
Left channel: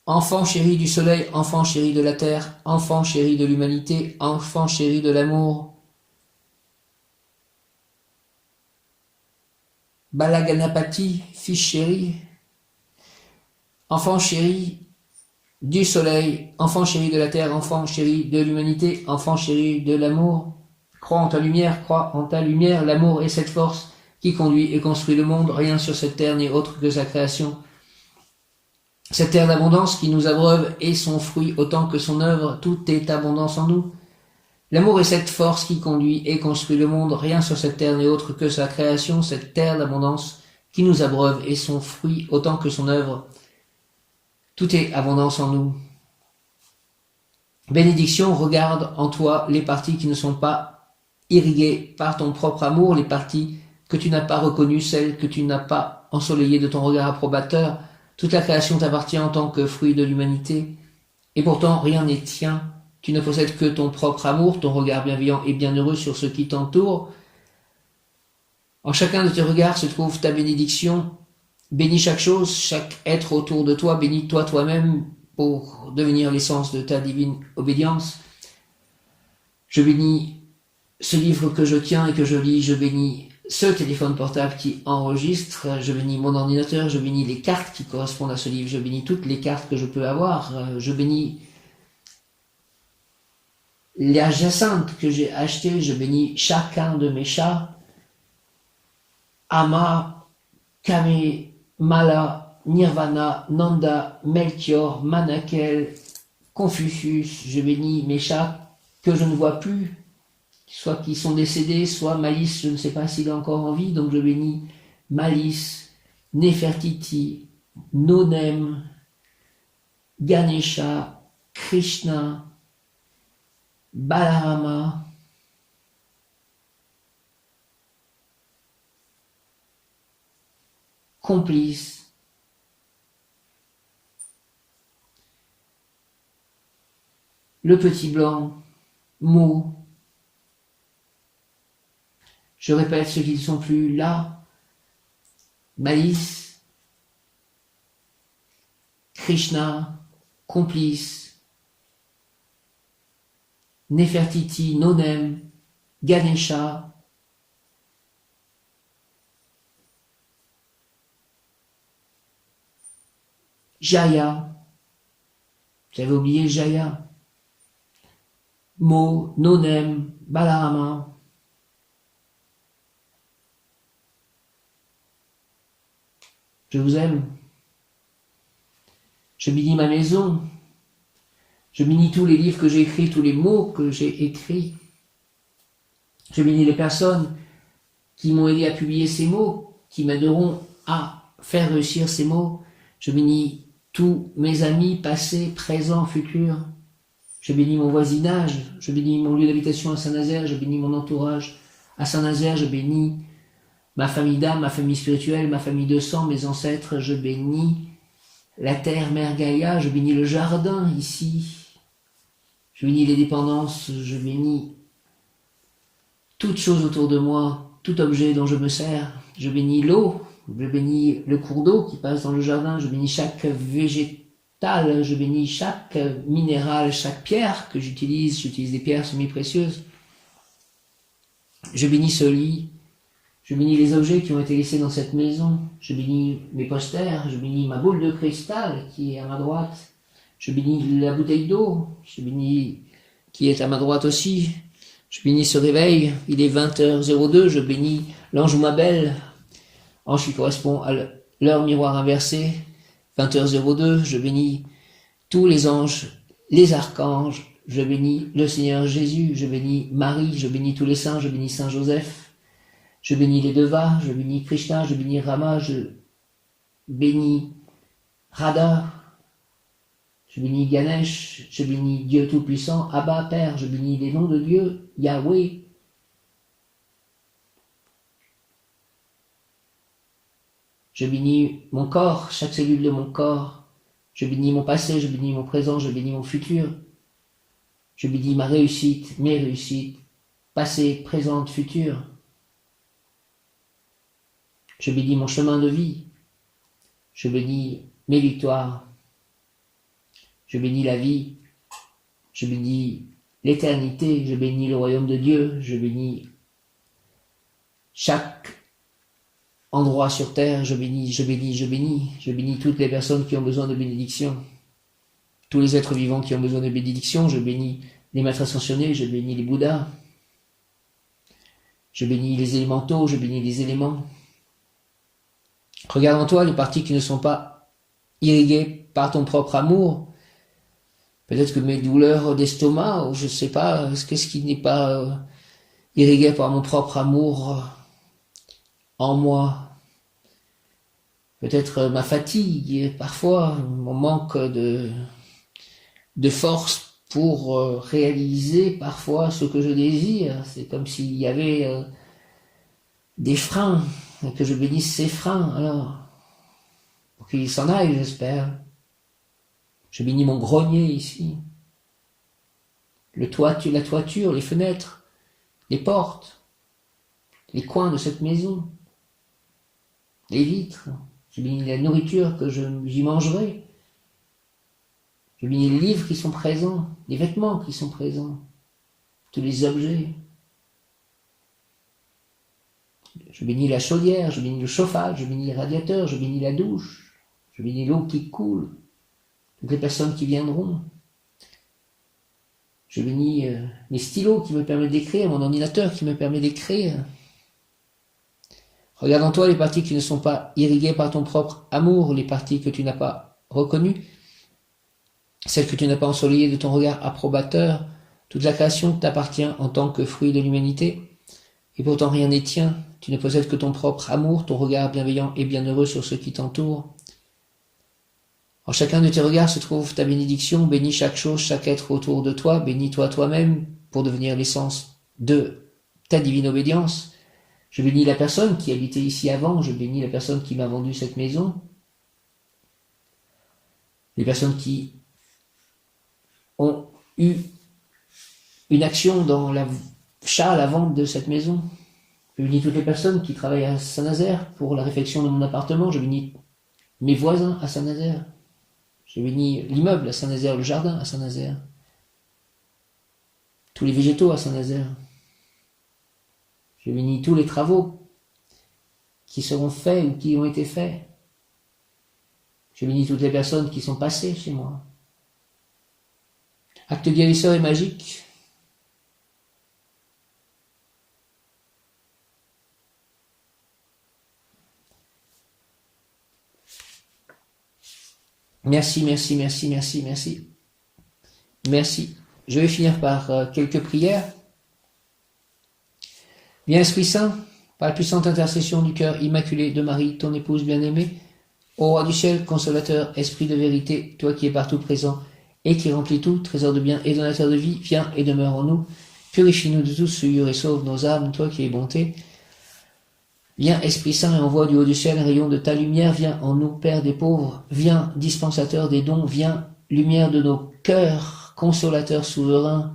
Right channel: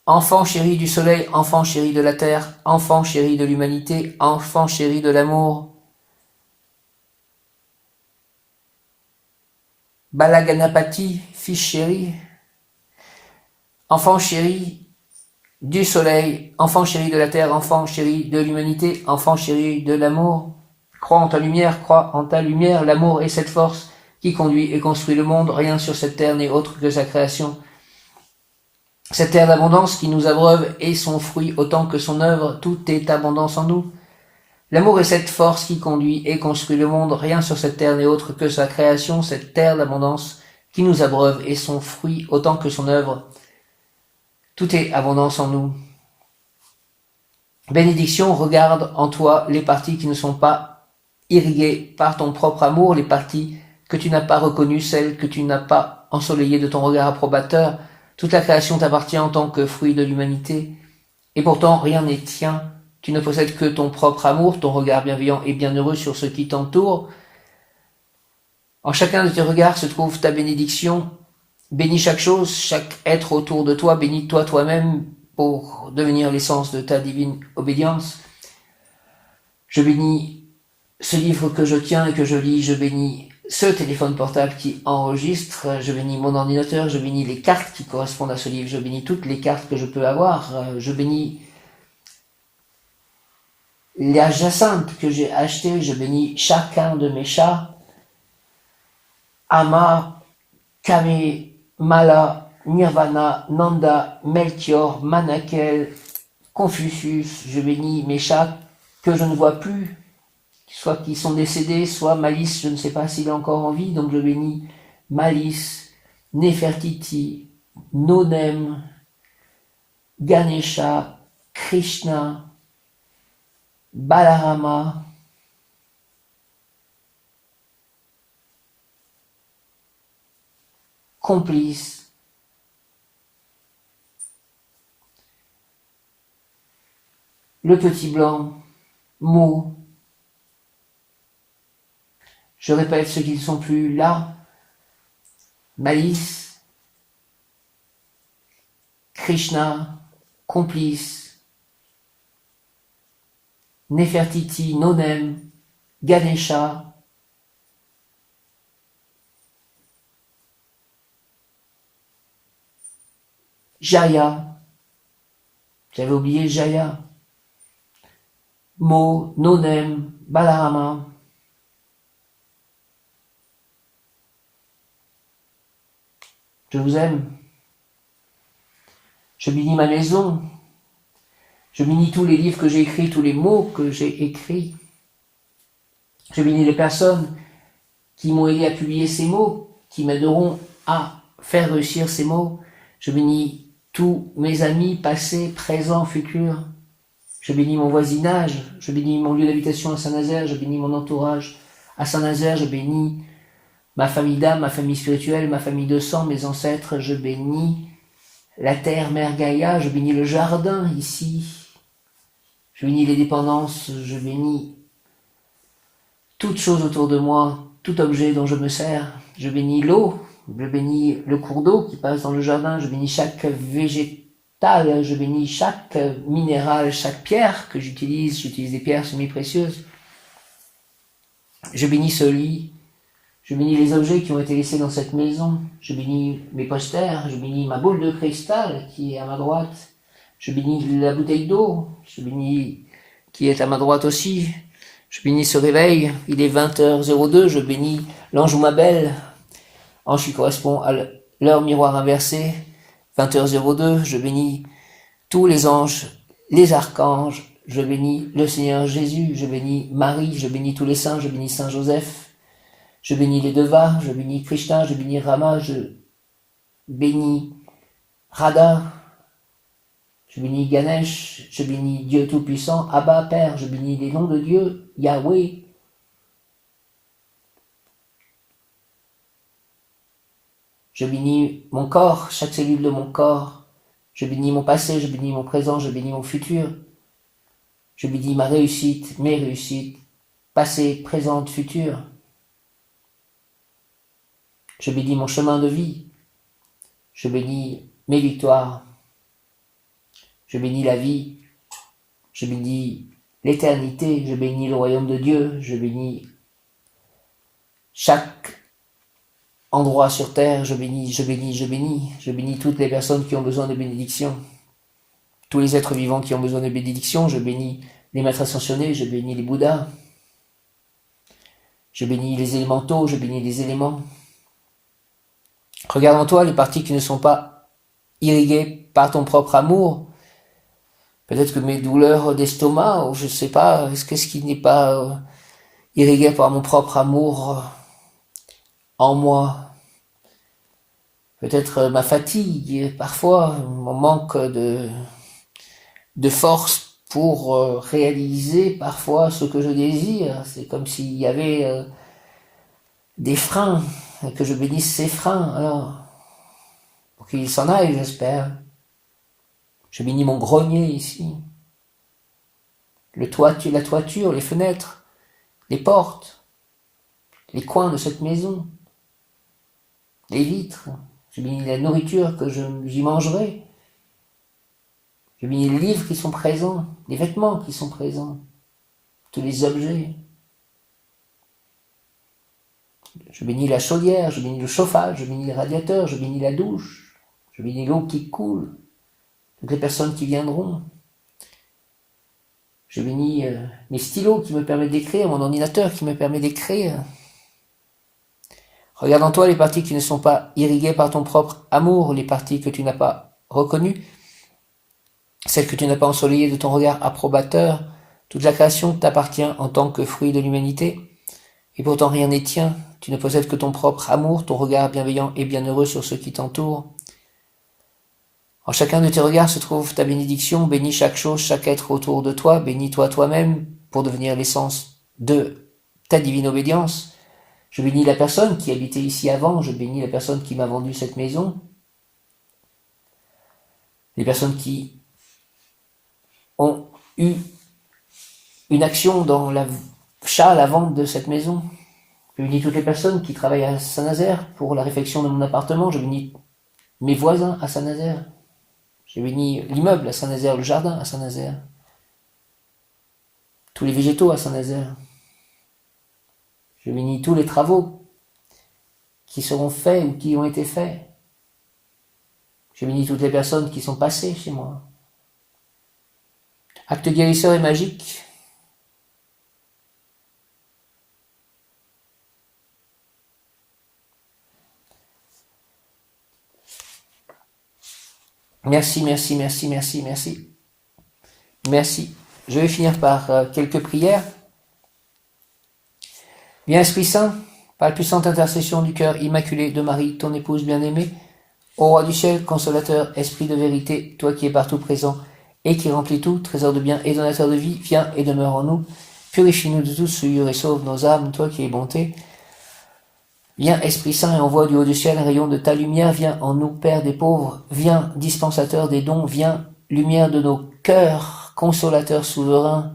Enfant chéri du soleil, enfant chéri de la terre, enfant chéri de l'humanité, enfant chéri de l'amour. Balaganapati, fils chéri, enfant chéri du soleil, enfant chéri de la terre, enfant chéri de l'humanité, enfant chéri de l'amour. Crois en ta lumière, crois en ta lumière, l'amour est cette force qui conduit et construit le monde, rien sur cette terre n'est autre que sa création. Cette terre d'abondance qui nous abreuve est son fruit autant que son œuvre, tout est abondance en nous. L'amour est cette force qui conduit et construit le monde, rien sur cette terre n'est autre que sa création, cette terre d'abondance qui nous abreuve est son fruit autant que son œuvre, tout est abondance en nous. Bénédiction, regarde en toi les parties qui ne sont pas irriguées par ton propre amour, les parties que tu n'as pas reconnues, celles que tu n'as pas ensoleillées de ton regard approbateur. Toute la création t'appartient en tant que fruit de l'humanité, et pourtant rien n'est tien. Tu ne possèdes que ton propre amour, ton regard bienveillant et bienheureux sur ce qui t'entoure. En chacun de tes regards se trouve ta bénédiction. Bénis chaque chose, chaque être autour de toi, bénis-toi toi-même pour devenir l'essence de ta divine obédience. Je bénis ce livre que je tiens et que je lis, je bénis ce téléphone portable qui enregistre, je bénis mon ordinateur, je bénis les cartes qui correspondent à ce livre, je bénis toutes les cartes que je peux avoir, je bénis la jacinthe que j'ai achetée, je bénis chacun de mes chats. Ama, Kame, Mala, Nirvana, Nanda, Melchior, Manakel, Confucius, je bénis mes chats que je ne vois plus, soit qui sont décédés, soit Malice, je ne sais pas s'il est encore en vie, donc je bénis Malice, Nefertiti, Nonem, Ganesha, Krishna, Balarama, Complice, le petit blanc, Mo. Je répète ceux qui ne sont plus là, Malice, Krishna, Complice, Nefertiti, Nonem, Ganesha, Jaya, j'avais oublié Jaya, Mo, Nonem, Balarama, je vous aime. Je bénis ma maison. Je bénis tous les livres que j'ai écrits, tous les mots que j'ai écrits. Je bénis les personnes qui m'ont aidé à publier ces mots, qui m'aideront à faire réussir ces mots. Je bénis tous mes amis passés, présents, futurs. Je bénis mon voisinage. Je bénis mon lieu d'habitation à Saint-Nazaire. Je bénis mon entourage à Saint-Nazaire. Je bénis ma famille d'âme, ma famille spirituelle, ma famille de sang, mes ancêtres. Je bénis la terre, Mère Gaïa. Je bénis le jardin ici. Je bénis les dépendances. Je bénis toute chose autour de moi, tout objet dont je me sers. Je bénis l'eau. Je bénis le cours d'eau qui passe dans le jardin. Je bénis chaque végétal. Je bénis chaque minéral, chaque pierre que j'utilise. J'utilise des pierres semi-précieuses. Je bénis ce lit. Je bénis les objets qui ont été laissés dans cette maison. Je bénis mes posters. Je bénis ma boule de cristal qui est à ma droite. Je bénis la bouteille d'eau. Je bénis qui est à ma droite aussi. Je bénis ce réveil. Il est 20h02. Je bénis l'ange ou ma belle. Ange qui correspond à l'heure miroir inversée. 20h02. Je bénis tous les anges, les archanges. Je bénis le Seigneur Jésus. Je bénis Marie. Je bénis tous les saints. Je bénis Saint Joseph. Je bénis les Devas, je bénis Krishna, je bénis Rama, je bénis Radha, je bénis Ganesh, je bénis Dieu Tout-Puissant, Abba, Père, je bénis les noms de Dieu, Yahweh. Je bénis mon corps, chaque cellule de mon corps. Je bénis mon passé, je bénis mon présent, je bénis mon futur. Je bénis ma réussite, mes réussites, passé, présente, future. Je bénis mon chemin de vie. Je bénis mes victoires. Je bénis la vie. Je bénis l'éternité. Je bénis le royaume de Dieu. Je bénis chaque endroit sur terre. Je bénis, je bénis, je bénis. Je bénis toutes les personnes qui ont besoin de bénédiction. Tous les êtres vivants qui ont besoin de bénédiction. Je bénis les maîtres ascensionnés. Je bénis les Bouddhas. Je bénis les élémentaux. Je bénis les éléments. Regarde en toi les parties qui ne sont pas irriguées par ton propre amour. Peut-être que mes douleurs d'estomac, ou je ne sais pas, qu'est-ce qui n'est pas irrigué par mon propre amour en moi. Peut-être ma fatigue, parfois, mon manque de force pour réaliser parfois ce que je désire. C'est comme s'il y avait des freins. Et que je bénisse ces freins, alors, pour qu'ils s'en aillent, j'espère. Je bénis mon grenier ici, la toiture, les fenêtres, les portes, les coins de cette maison, les vitres. Je bénis la nourriture que j'y mangerai. Je bénis les livres qui sont présents, les vêtements qui sont présents, tous les objets. Je bénis la chaudière, je bénis le chauffage, je bénis les radiateurs, je bénis la douche, je bénis l'eau qui coule, toutes les personnes qui viendront. Je bénis mes stylos qui me permettent d'écrire, mon ordinateur qui me permet d'écrire. Regarde en toi les parties qui ne sont pas irriguées par ton propre amour, les parties que tu n'as pas reconnues, celles que tu n'as pas ensoleillées de ton regard approbateur. Toute la création t'appartient en tant que fruit de l'humanité, et pourtant rien n'est tien. Tu ne possèdes que ton propre amour, ton regard bienveillant et bienheureux sur ceux qui t'entourent. En chacun de tes regards se trouve ta bénédiction. Bénis chaque chose, chaque être autour de toi. Bénis-toi toi-même pour devenir l'essence de ta divine obédience. Je bénis la personne qui habitait ici avant. Je bénis la personne qui m'a vendu cette maison. Les personnes qui ont eu une action dans l'achat, la vente de cette maison. Je bénis toutes les personnes qui travaillent à Saint-Nazaire pour la réfection de mon appartement. Je bénis mes voisins à Saint-Nazaire. Je bénis l'immeuble à Saint-Nazaire, le jardin à Saint-Nazaire. Tous les végétaux à Saint-Nazaire. Je bénis tous les travaux qui seront faits ou qui ont été faits. Je bénis toutes les personnes qui sont passées chez moi. Acte guérisseur et magique. Merci, merci, merci, merci, merci. Merci. Je vais finir par quelques prières. Viens Esprit Saint, par la puissante intercession du cœur immaculé de Marie, ton épouse bien-aimée, ô Roi du ciel, consolateur, Esprit de vérité, toi qui es partout présent et qui remplis tout, trésor de bien et donateur de vie, viens et demeure en nous, purifie-nous de toute souillure et sauve nos âmes, toi qui es bonté. Viens Esprit Saint et envoie du haut du ciel un rayon de ta lumière, viens en nous, Père des pauvres, viens dispensateur des dons, viens lumière de nos cœurs, consolateur souverain,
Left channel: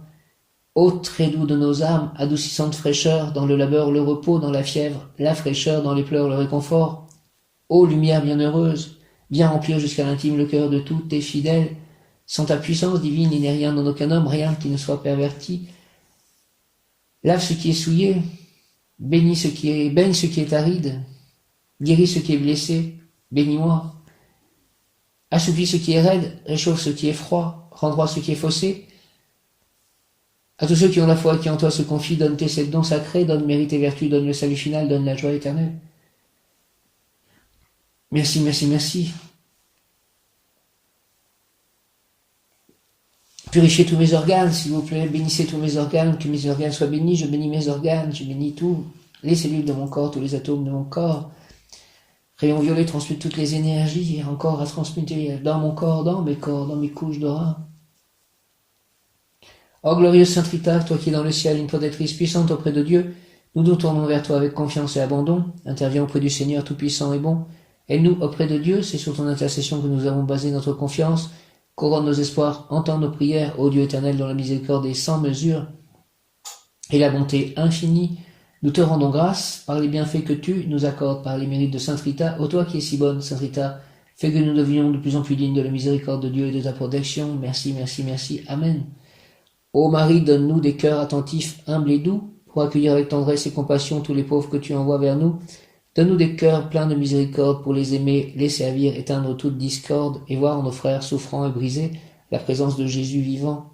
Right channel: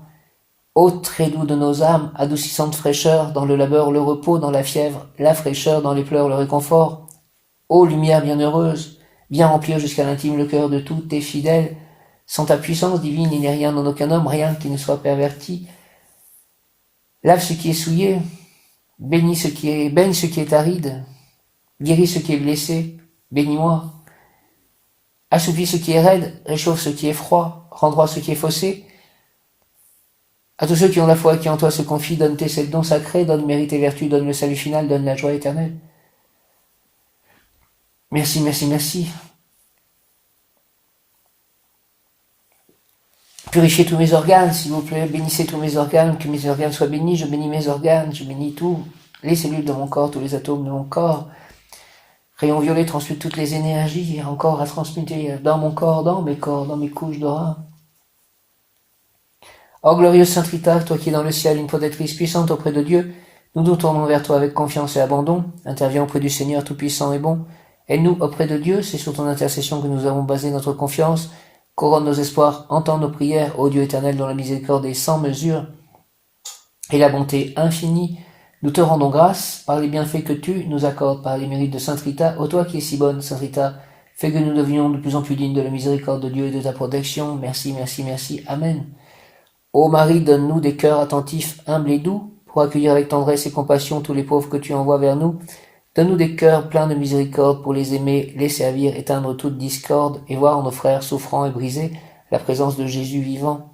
ô très doux de nos âmes, adoucissante fraîcheur, dans le labeur le repos, dans la fièvre la fraîcheur, dans les pleurs le réconfort, ô lumière bienheureuse, viens remplir jusqu'à l'intime le cœur de tous tes fidèles, sans ta puissance divine il n'est rien en aucun homme, rien qui ne soit perverti, lave ce qui est souillé, baigne ce qui est aride, guéris ce qui est blessé, bénis-moi. Assouplis ce qui est raide, réchauffe ce qui est froid, rends droit ce qui est faussé. À tous ceux qui ont la foi, qui en toi se confient, donne tes sept dons sacrés, donne mérite et vertu, donne le salut final, donne la joie éternelle. Merci, merci, merci. Purifiez tous mes organes, s'il vous plaît, bénissez tous mes organes, que mes organes soient bénis, je bénis mes organes, je bénis tous les cellules de mon corps, tous les atomes de mon corps. Rayon violet transmute toutes les énergies, et encore à transmuter dans mon corps, dans mes corps, dans mes couches d'aura. Ô glorieuse Sainte Rita, toi qui es dans le ciel, une protectrice puissante auprès de Dieu, nous nous tournons vers toi avec confiance et abandon, interviens auprès du Seigneur tout-puissant et bon, aide-nous auprès de Dieu, c'est sur ton intercession que nous avons basé notre confiance, couronne nos espoirs, entends nos prières, ô Dieu éternel dont la miséricorde est sans mesure et la bonté infinie. Nous te rendons grâce par les bienfaits que tu nous accordes, par les mérites de Sainte Rita, ô toi qui es si bonne, Sainte Rita, fais que nous devenions de plus en plus dignes de la miséricorde de Dieu et de ta protection. Merci, merci, merci. Amen. Ô Marie, donne-nous des cœurs attentifs, humbles et doux, pour accueillir avec tendresse et compassion tous les pauvres que tu envoies vers nous. Donne-nous des cœurs pleins de miséricorde pour les aimer, les servir, éteindre toute discorde et voir en nos frères souffrants et brisés la présence de Jésus vivant.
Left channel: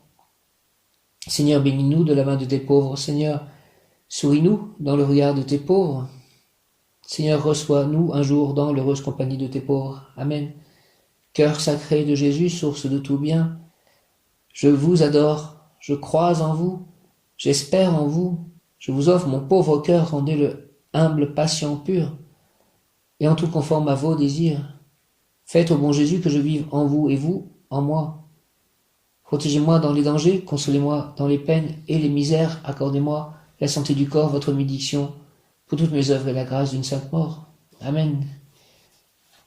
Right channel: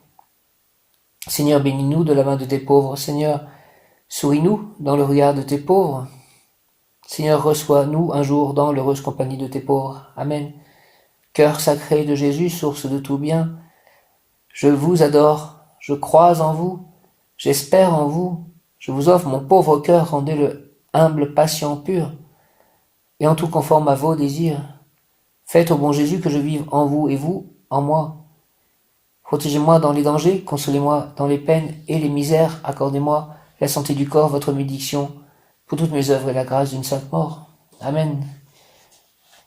Seigneur, bénis-nous de la main de tes pauvres. Seigneur, souris-nous dans le regard de tes pauvres. Seigneur, reçois-nous un jour dans l'heureuse compagnie de tes pauvres. Amen. Cœur sacré de Jésus, source de tout bien, je vous adore, je crois en vous, j'espère en vous, je vous offre mon pauvre cœur, rendez-le humble, patient, pur, et en tout conforme à vos désirs. Faites au bon Jésus que je vive en vous et vous en moi. Protégez-moi dans les dangers, consolez-moi dans les peines et les misères, accordez-moi la santé du corps, votre bénédiction, pour toutes mes œuvres et la grâce d'une sainte mort. Amen.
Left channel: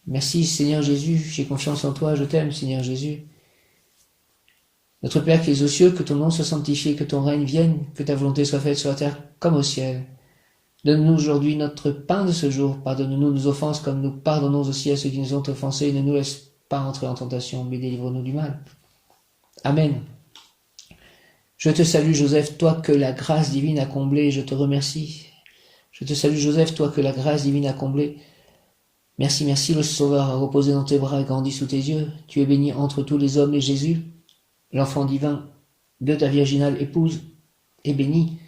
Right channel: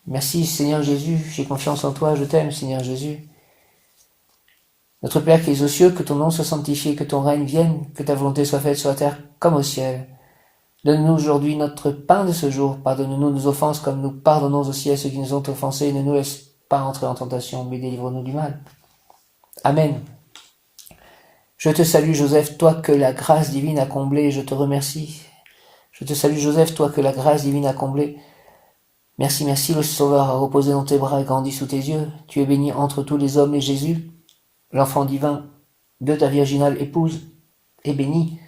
Merci Seigneur Jésus, j'ai confiance en toi, je t'aime Seigneur Jésus. Notre Père qui es aux cieux, que ton nom soit sanctifié, que ton règne vienne, que ta volonté soit faite sur la terre comme au ciel. Donne-nous aujourd'hui notre pain de ce jour, pardonne-nous nos offenses comme nous pardonnons aussi à ceux qui nous ont offensés, ne nous laisse pas entrer en tentation, mais délivre-nous du mal. Amen. Je te salue Joseph, toi que la grâce divine a comblé, je te remercie. Je te salue Joseph, toi que la grâce divine a comblé. Merci, merci, le Sauveur a reposé dans tes bras et grandi sous tes yeux. Tu es béni entre tous les hommes et Jésus, l'enfant divin, de ta virginale épouse est béni.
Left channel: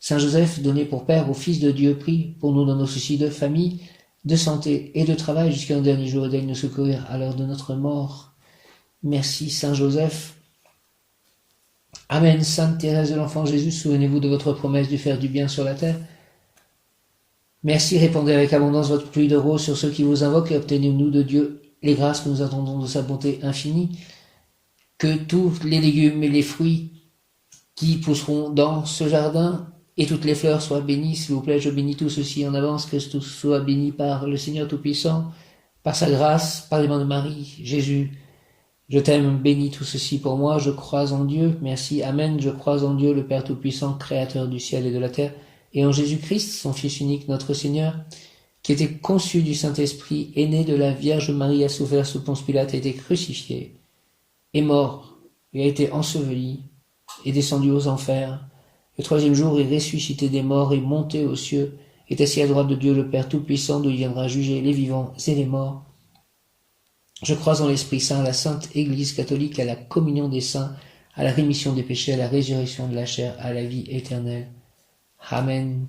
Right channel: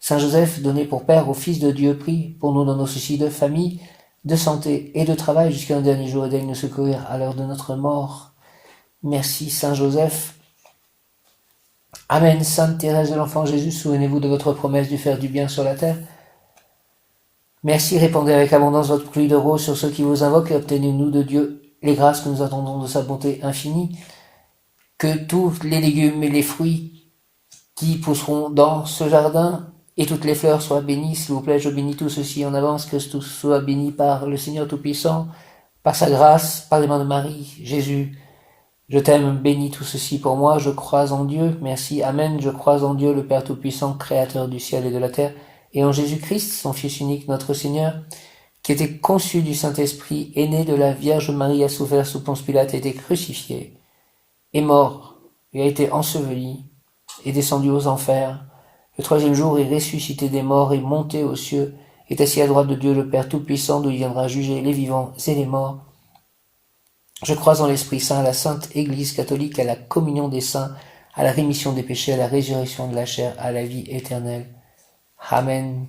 Saint Joseph, donné pour Père au Fils de Dieu, prie pour nous dans nos soucis de famille, de santé et de travail jusqu'à un dernier jour et daigne nous secourir à l'heure de notre mort. Merci Saint Joseph. Amen. Sainte Thérèse de l'Enfant Jésus, souvenez-vous de votre promesse de faire du bien sur la terre. Merci, répandez avec abondance votre pluie de roses sur ceux qui vous invoquent et obtenez-nous de Dieu les grâces que nous attendons de sa bonté infinie. Que tous les légumes et les fruits qui pousseront dans ce jardin et toutes les fleurs soient bénies. S'il vous plaît, je bénis tout ceci en avance, que tout soit béni par le Seigneur Tout-Puissant, par sa grâce, par les mains de Marie. Jésus, je t'aime, bénis tout ceci pour moi, je crois en Dieu. Merci, Amen. Je crois en Dieu, le Père Tout-Puissant, Créateur du ciel et de la terre, et en Jésus-Christ, son Fils unique, notre Seigneur, qui était conçu du Saint-Esprit, est né de la Vierge Marie, a souffert sous Ponce Pilate, a été crucifié, est mort, et a été enseveli, est descendu aux enfers. Le troisième jour est ressuscité des morts, est monté aux cieux, est assis à droite de Dieu le Père Tout-Puissant, d'où il viendra juger les vivants et les morts. Je crois en l'Esprit Saint, à la Sainte Église catholique, à la communion des saints, à la rémission des péchés, à la résurrection de la chair, à la vie éternelle. Amen.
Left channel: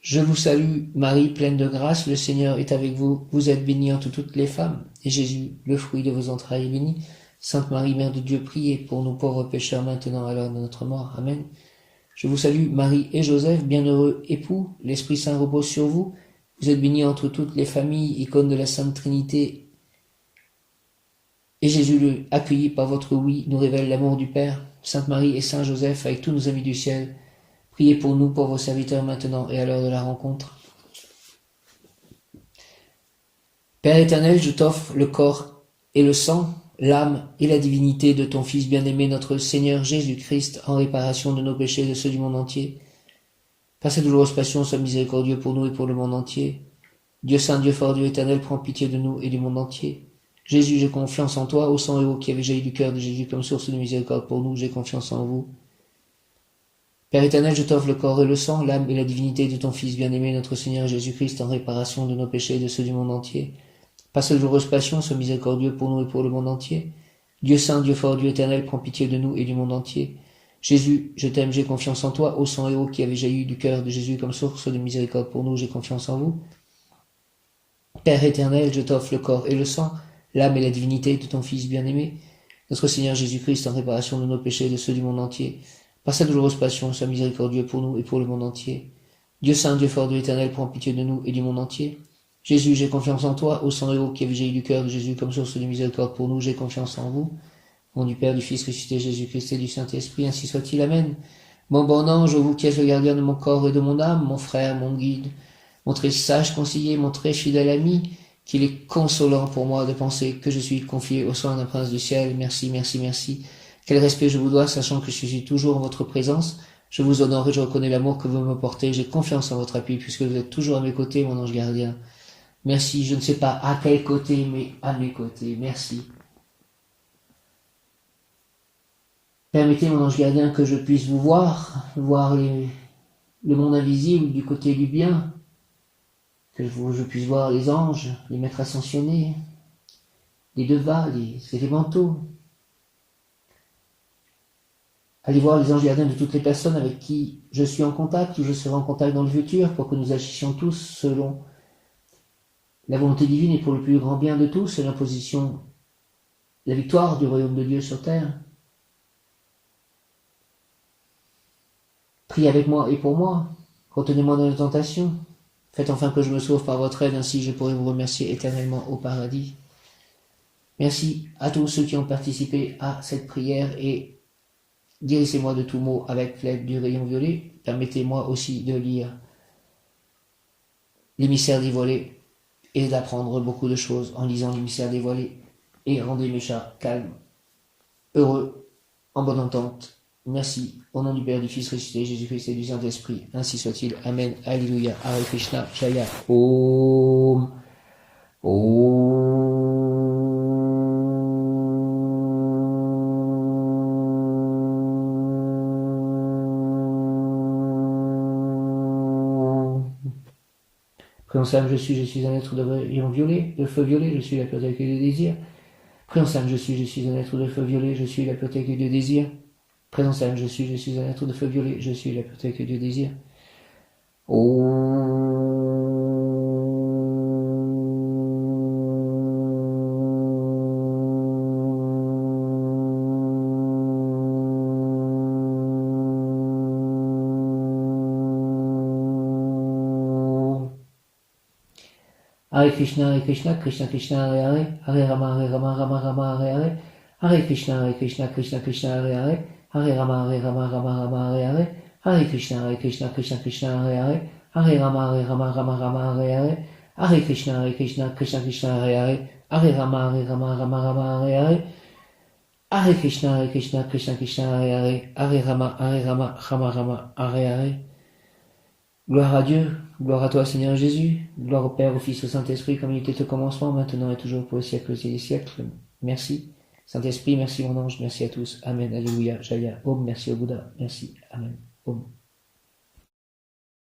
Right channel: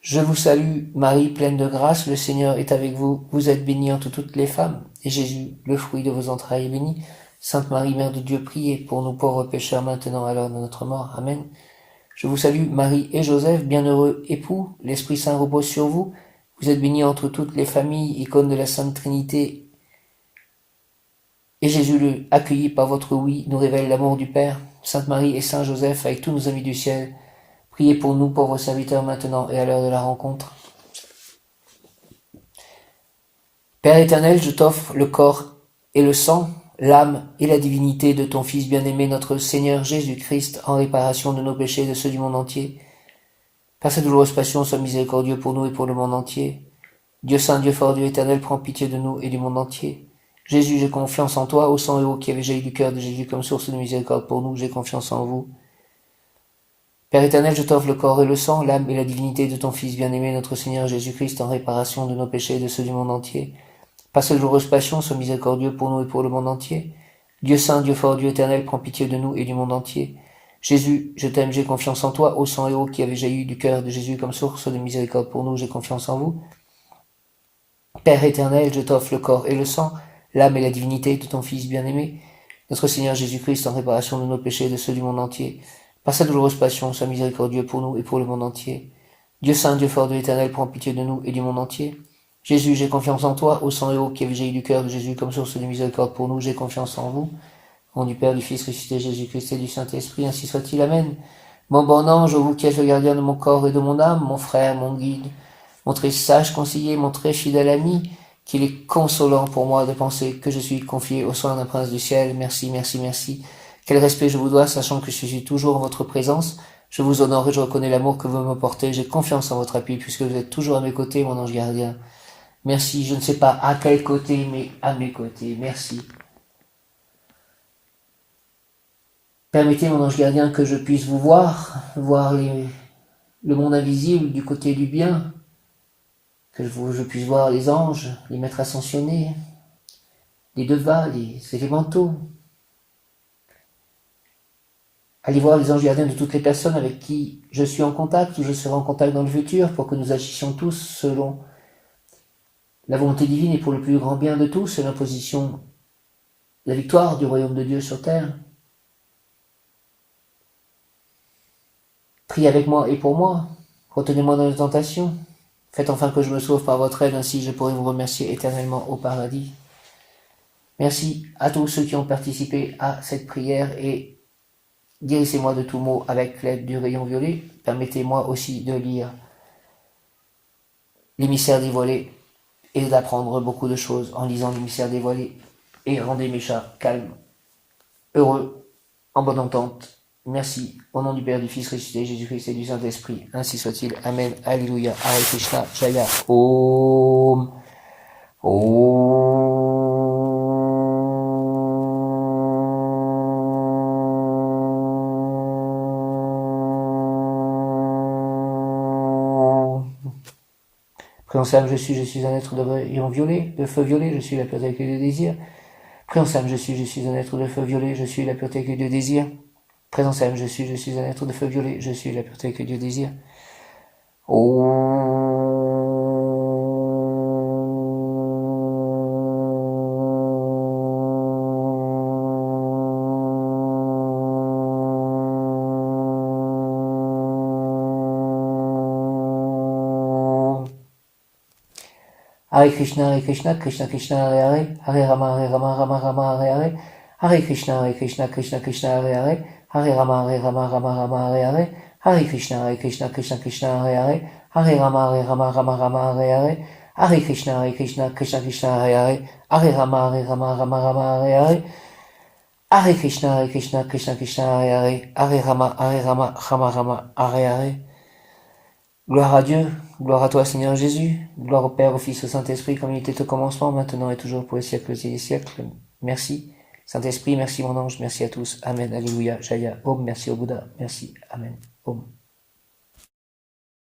Je vous salue, Marie, pleine de grâce, le Seigneur est avec vous. Vous êtes bénie entre toutes les femmes, et Jésus, le fruit de vos entrailles, est béni. Sainte Marie, Mère de Dieu, priez pour nous pauvres pécheurs, maintenant et à l'heure de notre mort. Amen. Je vous salue, Marie et Joseph, bienheureux époux, l'Esprit Saint repose sur vous. Vous êtes bénie entre toutes les familles, icône de la Sainte Trinité. Et Jésus, accueilli par votre oui, nous révèle l'amour du Père. Sainte Marie et Saint Joseph, avec tous nos amis du ciel, priez pour nous, pauvres serviteurs, maintenant et à l'heure de la rencontre. Père éternel, je t'offre le corps et le sang, l'âme et la divinité de ton Fils bien-aimé, notre Seigneur Jésus-Christ, en réparation de nos péchés et de ceux du monde entier. Par sa douloureuse passion, sois miséricordieux pour nous et pour le monde entier. Dieu saint, Dieu fort, Dieu éternel, prends pitié de nous et du monde entier. Jésus, j'ai confiance en toi, ô sang et eau qui avait jailli du cœur de Jésus comme source de miséricorde pour nous, j'ai confiance en vous. Père éternel, je t'offre le corps et le sang, l'âme et la divinité de ton Fils bien-aimé, notre Seigneur Jésus-Christ, en réparation de nos péchés et de ceux du monde entier. Par sa douloureuse passion, sois miséricordieux pour nous et pour le monde entier. Dieu saint, Dieu fort, Dieu éternel, prends pitié de nous et du monde entier. Jésus, je t'aime, j'ai confiance en toi, ô sang et eau qui avait jailli du cœur de Jésus comme source de miséricorde pour nous, j'ai confiance en vous. Père éternel, je t'offre le corps et le sang, l'âme et la divinité de ton Fils bien-aimé, notre Seigneur Jésus-Christ, en réparation de nos péchés et de ceux du monde entier. Par sa douloureuse passion, sois miséricordieux pour nous et pour le monde entier. Dieu saint, Dieu fort, Dieu éternel, prends pitié de nous et du monde entier. Jésus, j'ai confiance en toi, ô sang et eau qui avait jailli du cœur de Jésus comme source de miséricorde pour nous, j'ai confiance en vous. Au nom du Père, du Fils ressuscité Jésus-Christ et du Saint-Esprit, ainsi soit-il. Amen. Mon bon ange, vous qui êtes le gardien de mon corps et de mon âme, mon frère, mon guide, mon très sage conseiller, mon très fidèle ami, qu'il est consolant pour moi de penser que je suis confié aux soins d'un prince du ciel. Merci, merci, merci. Quel respect je vous dois, sachant que je suis toujours en votre présence. Je vous honore et je reconnais l'amour que vous me portez. J'ai confiance en votre appui, puisque vous êtes toujours à mes côtés, mon ange gardien. Merci, je ne sais pas à quel côté, mais à mes côtés. Merci. Permettez, mon ange gardien, que je puisse vous voir le monde invisible du côté du bien, que je puisse voir les anges, les maîtres ascensionnés, les devas, les élémentaux. Allez voir les anges gardiens de toutes les personnes avec qui je suis en contact ou je serai en contact dans le futur pour que nous agissions tous selon la volonté divine et pour le plus grand bien de tous et l'imposition, la victoire du royaume de Dieu sur terre. Priez avec moi et pour moi. Retenez-moi dans les tentations. Faites enfin que je me sauve par votre aide, ainsi je pourrai vous remercier éternellement au paradis. Merci à tous ceux qui ont participé à cette prière et guérissez-moi de tout mot avec l'aide du rayon violet. Permettez-moi aussi de lire l'émissaire dévoilé et d'apprendre beaucoup de choses en lisant l'émissaire dévoilé. Et rendez mes chats calmes, heureux, en bonne entente. Merci. Au nom du Père, du Fils ressuscité, Jésus-Christ et du Saint-Esprit. Ainsi soit-il. Amen. Alléluia. Hare Krishna. Jaya. Om. Prénom je suis un être de rayon violet, de feu violet, je suis la personne avec les désirs. Présence âme, je suis un être de feu violet, je suis la pureté que Dieu désire. Présence âme, je suis un être de feu violet, je suis la pureté que Dieu désire. Hare Krishna, Krishna Krishna, Hare Rama, Rama, Hare Krishna, Krishna Krishna, Hare Rama, Rama, Hare Krishna, Krishna Krishna, Hare Rama, Rama, Hare Krishna, Krishna, Hare Rama, Rama, Hare Krishna, Krishna, Hare Rama, Rama, Hare. Gloire à Dieu, gloire à toi Seigneur Jésus, gloire au Père, au Fils, au Saint-Esprit, comme il était au commencement, maintenant et toujours pour les siècles et les siècles. Merci. Saint-Esprit, merci mon ange, merci à tous. Amen, Alléluia, Jaya, Om, merci au Bouddha, merci, Amen, Om.